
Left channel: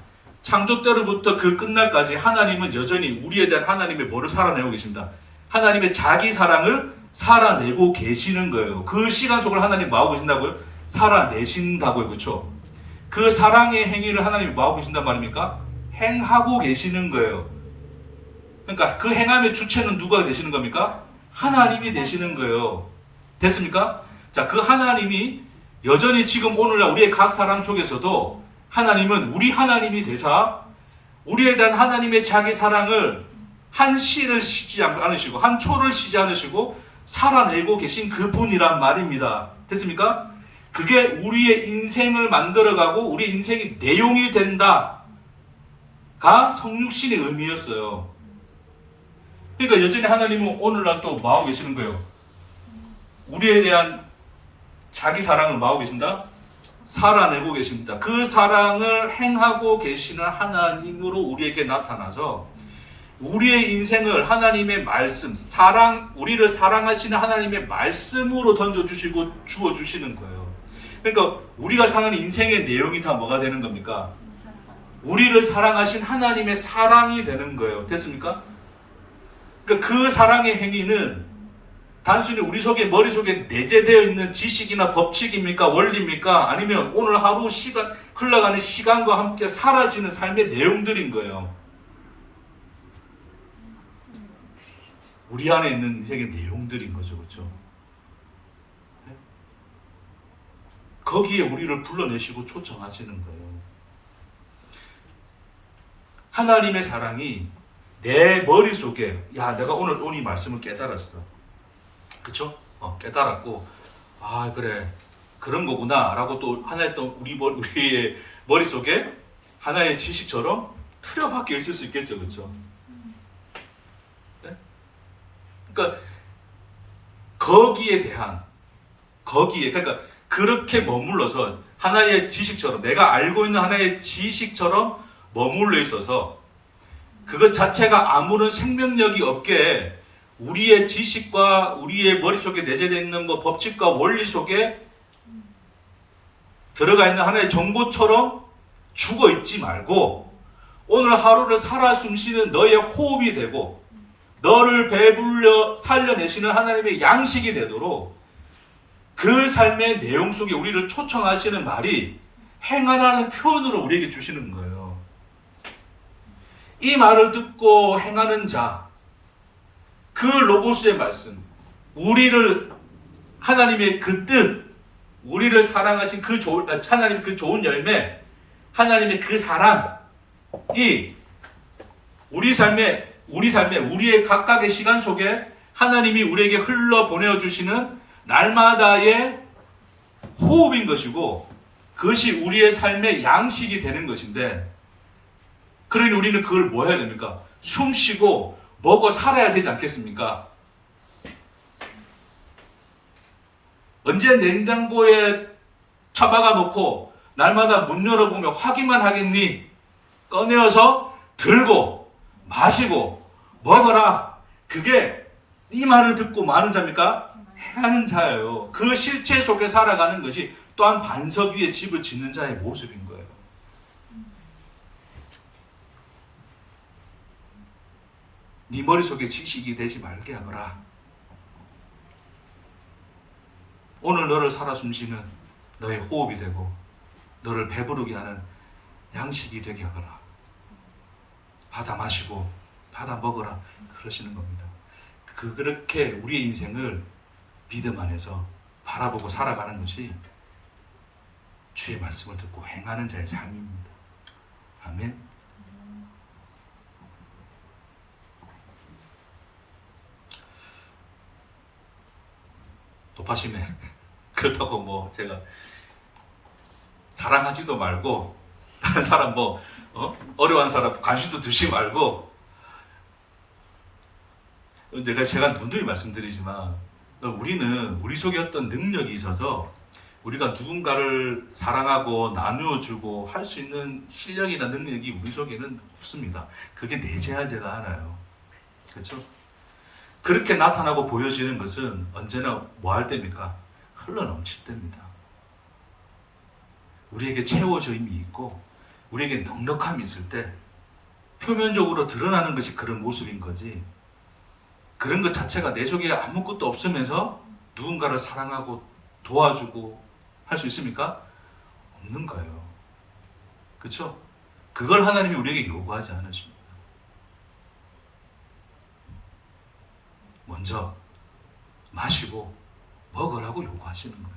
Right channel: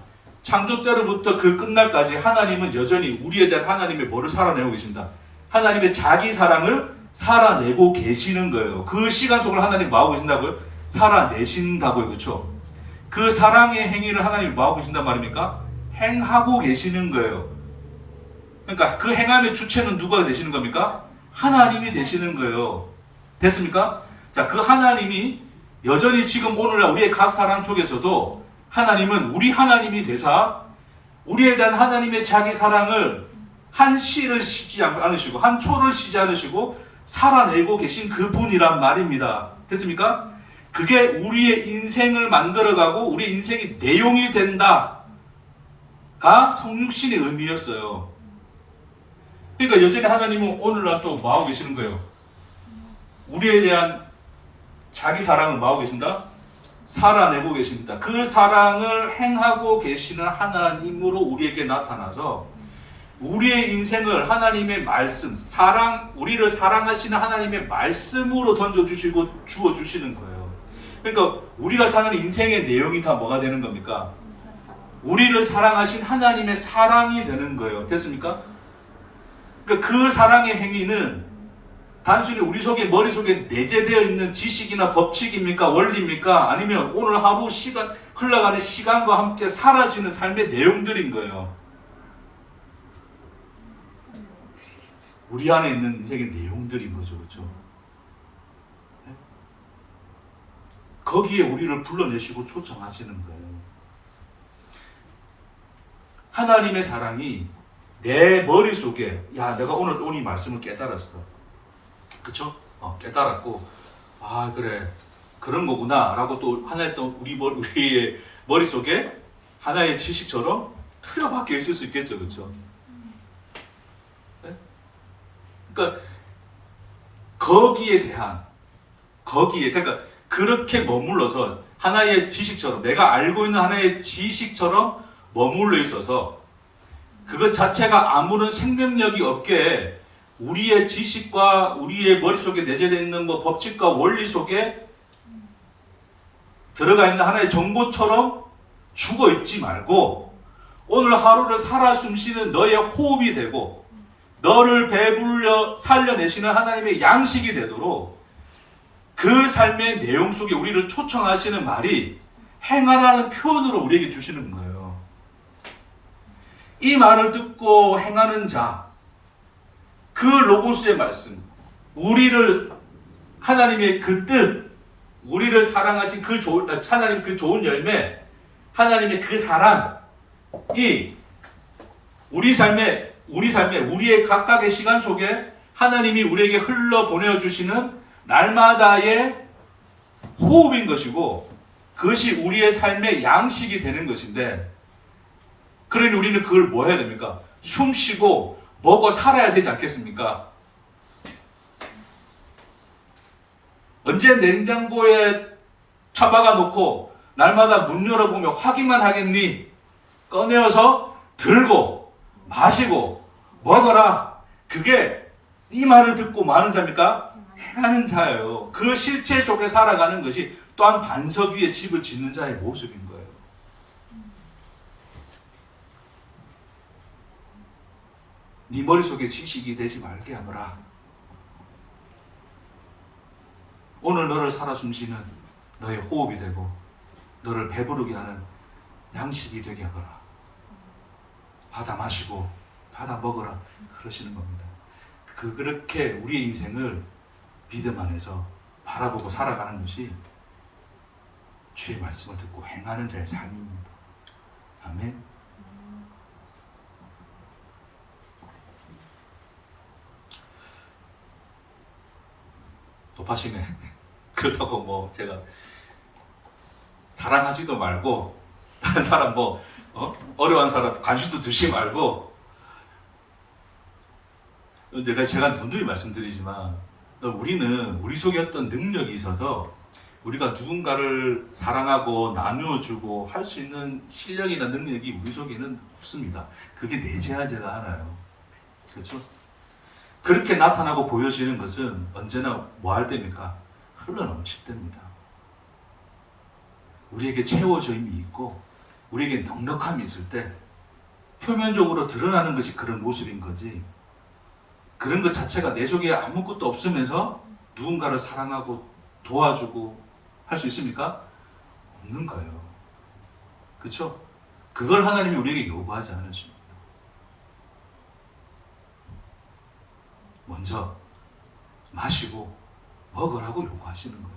창조 때로부터 그 끝날까지 하나님은 여전히 우리에 대한 하나님의 뭐를 살아내고 계십니다. 하나님의 자기 사랑을 살아내고 계시는 거예요. 그 시간 속을 하나님 뭐하고 계신다고요? 살아내신다고요. 그렇죠? 그 사랑의 행위를 하나님이 뭐하고 계신단 말입니까? 행하고 계시는 거예요. 그러니까 그 행함의 주체는 누가 되시는 겁니까? 하나님이 되시는 거예요. 됐습니까? 자, 그 하나님이 여전히 지금 오늘날 우리의 각 사람 속에서도 하나님은 우리 하나님이 되사 우리에 대한 하나님의 자기 사랑을 한 시를 쉬지 않으시고 한 초를 쉬지 않으시고 살아내고 계신 그분이란 말입니다. 됐습니까? 그게 우리의 인생을 만들어가고 우리 인생이 내용이 된다가 성육신의 의미였어요. 그러니까 여전히 하나님은 오늘날 또 뭐하고 계시는 거예요? 우리에 대한 자기 사랑을 뭐하고 계신다? 살아내고 계십니다. 그 사랑을 행하고 계시는 하나님으로 우리에게 나타나서 우리의 인생을 하나님의 말씀, 우리를 사랑하시는 하나님의 말씀으로 던져주시고 주어주시는 거예요. 그러니까 우리가 사는 인생의 내용이 다 뭐가 되는 겁니까? 우리를 사랑하신 하나님의 사랑이 되는 거예요. 됐습니까? 그러니까 그 사랑의 행위는 단순히 우리 머릿속에 내재되어 있는 지식이나 법칙입니까? 원리입니까? 아니면 오늘 하루 흘러가는 시간과 함께 사라지는 삶의 내용들인 거예요. 우리 안에 있는 인생의 내용들인 거죠. 그렇죠? 거기에 우리를 불러내시고 초청하시는 거예요. 하나님의 사랑이 내 머릿속에 내가 오늘 이 말씀을 깨달았어. 그쵸? 깨달았고 그래 그런 거구나 라고 또 하나의 또 우리의 머릿속에 하나의 지식처럼 틀어박혀 있을 수 있겠죠. 그쵸? 네? 그러니까 그러니까 그렇게 머물러서 하나의 지식처럼 내가 알고 있는 하나의 지식처럼 머물러 있어서 그것 자체가 아무런 생명력이 없게 우리의 지식과 우리의 머릿속에 내재되어 있는 법칙과 원리 속에 들어가 있는 하나의 정보처럼 죽어 있지 말고 오늘 하루를 살아 숨쉬는 너의 호흡이 되고 너를 배불려 살려내시는 하나님의 양식이 되도록 그 삶의 내용 속에 우리를 초청하시는 말이 행하라는 표현으로 우리에게 주시는 거예요. 이 말을 듣고 행하는 자, 그 로고스의 말씀, 우리를 하나님의 그 뜻, 우리를 사랑하신 하나님 그 좋은 열매, 하나님의 그 사랑이 우리의 각각의 시간 속에 하나님이 우리에게 흘러 보내주시는 날마다의 호흡인 것이고 그것이 우리의 삶의 양식이 되는 것인데 그러니 우리는 그걸 뭐 해야 됩니까? 숨 쉬고 먹어 살아야 되지 않겠습니까? 언제 냉장고에 처박아 놓고 날마다 문 열어보며 확인만 하겠니? 꺼내어서 들고 마시고 먹어라. 그게 이 말을 듣고 마는 자입니까? 행하는 자예요. 그 실체 속에 살아가는 것이 또한 반석 위에 집을 짓는 자의 모습인 거예요. 네 머릿속에 지식이 되지 말게 하노라. 오늘 너를 살아 숨쉬는 너의 호흡이 되고 너를 배부르게 하는 양식이 되게 하거라. 받아 마시고 받아 먹어라. 그러시는 겁니다. 그렇게 우리의 인생을 믿음 안에서 바라보고 살아가는 것이 주의 말씀을 듣고 행하는 자의 삶입니다. 아멘. 높아시네. 그렇다고 제가 사랑하지도 말고 다른 사람 어려운 사람 관심도 두지 말고 제가 누누이 말씀드리지만 우리는 우리 속에 어떤 능력이 있어서 우리가 누군가를 사랑하고 나누어주고 할 수 있는 실력이나 능력이 우리 속에는 없습니다. 그게 내재하지가 않아요. 그렇죠? 그렇게 나타나고 보여지는 것은 언제나 뭐 할 때입니까? 흘러넘칠 때입니다. 우리에게 채워짐이 있고 우리에게 넉넉함이 있을 때 표면적으로 드러나는 것이 그런 모습인 거지 그런 것 자체가 내 속에 아무것도 없으면서 누군가를 사랑하고 도와주고 할 수 있습니까? 없는 거예요. 그렇죠? 그걸 하나님이 우리에게 요구하지 않으십니다. 먼저 마시고 먹으라고 요구하시는 거예요.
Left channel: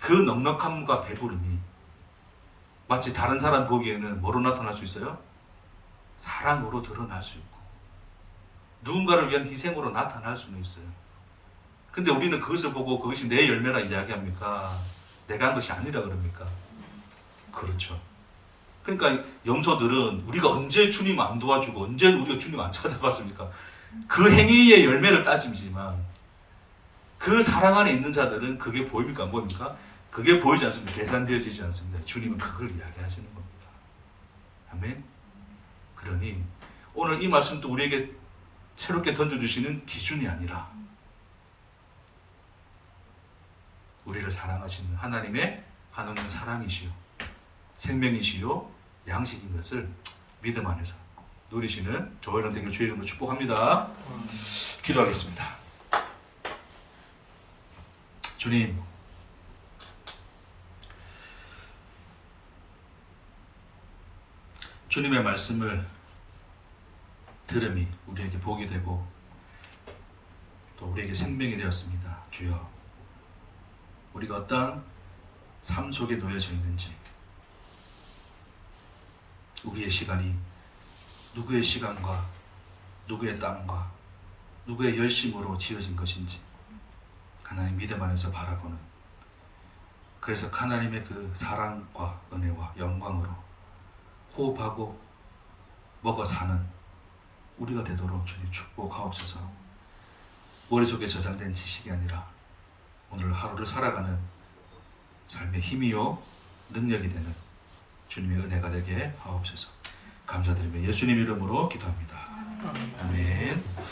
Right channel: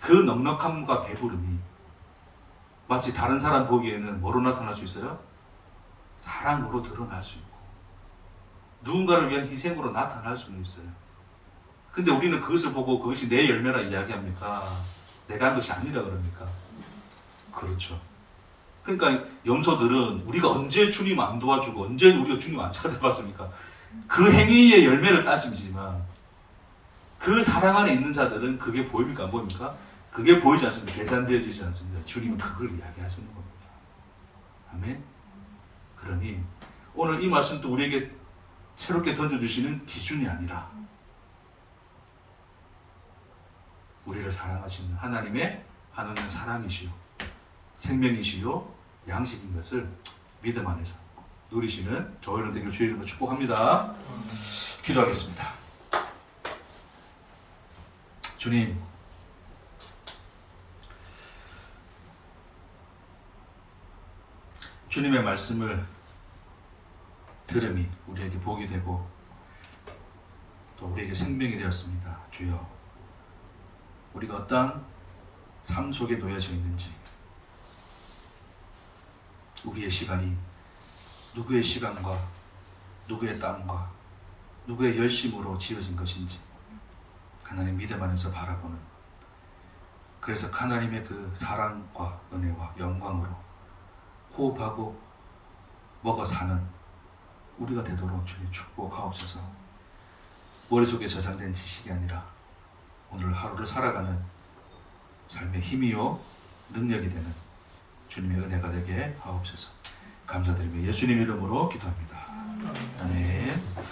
그 넉넉함과 배부름이 마치 다른 사람 보기에는 뭐로 나타날 수 있어요? 사랑으로 드러날 수 있고 누군가를 위한 희생으로 나타날 수는 있어요. 근데 우리는 그것을 보고 그것이 내 열매라 이야기합니까? 내가 한 것이 아니라 그럽니까? 그렇죠. 그러니까 염소들은 우리가 언제 주님 안 도와주고 언제 우리가 주님 안 찾아봤습니까? 그 행위의 열매를 따지지만 그 사랑 안에 있는 자들은 그게 보입니까? 안 보입니까? 그게 보이지 않습니다. 계산되어지지 않습니다. 주님은 그걸 이야기하시는 겁니다. 아멘. 그러니 오늘 이 말씀도 우리에게 새롭게 던져주시는 기준이 아니라 우리를 사랑하시는 하나님의 한없는 사랑이시요 생명이시요 양식인 것을 믿음 안에서 누리시는 저와 여러분 되기를 주의 이름으로 축복합니다. 기도하겠습니다. 주님, 주님의 말씀을 들음이 우리에게 복이 되고 또 우리에게 생명이 되었습니다. 주여, 우리가 어떠한 삶 속에 놓여져 있는지, 우리의 시간이 누구의 시간과 누구의 땀과 누구의 열심으로 지어진 것인지 하나님 믿음 안에서 바라보는, 그래서 하나님의 그 사랑과 은혜와 영광으로 호흡하고 먹어 사는 우리가 되도록 주님 축복하옵소서. 머릿속에 저장된 지식이 아니라 오늘 하루를 살아가는 삶의 힘이요 능력이 되는 주님의 은혜가 되게 하옵소서. 감사드리며 예수님 이름으로 기도합니다. 아멘.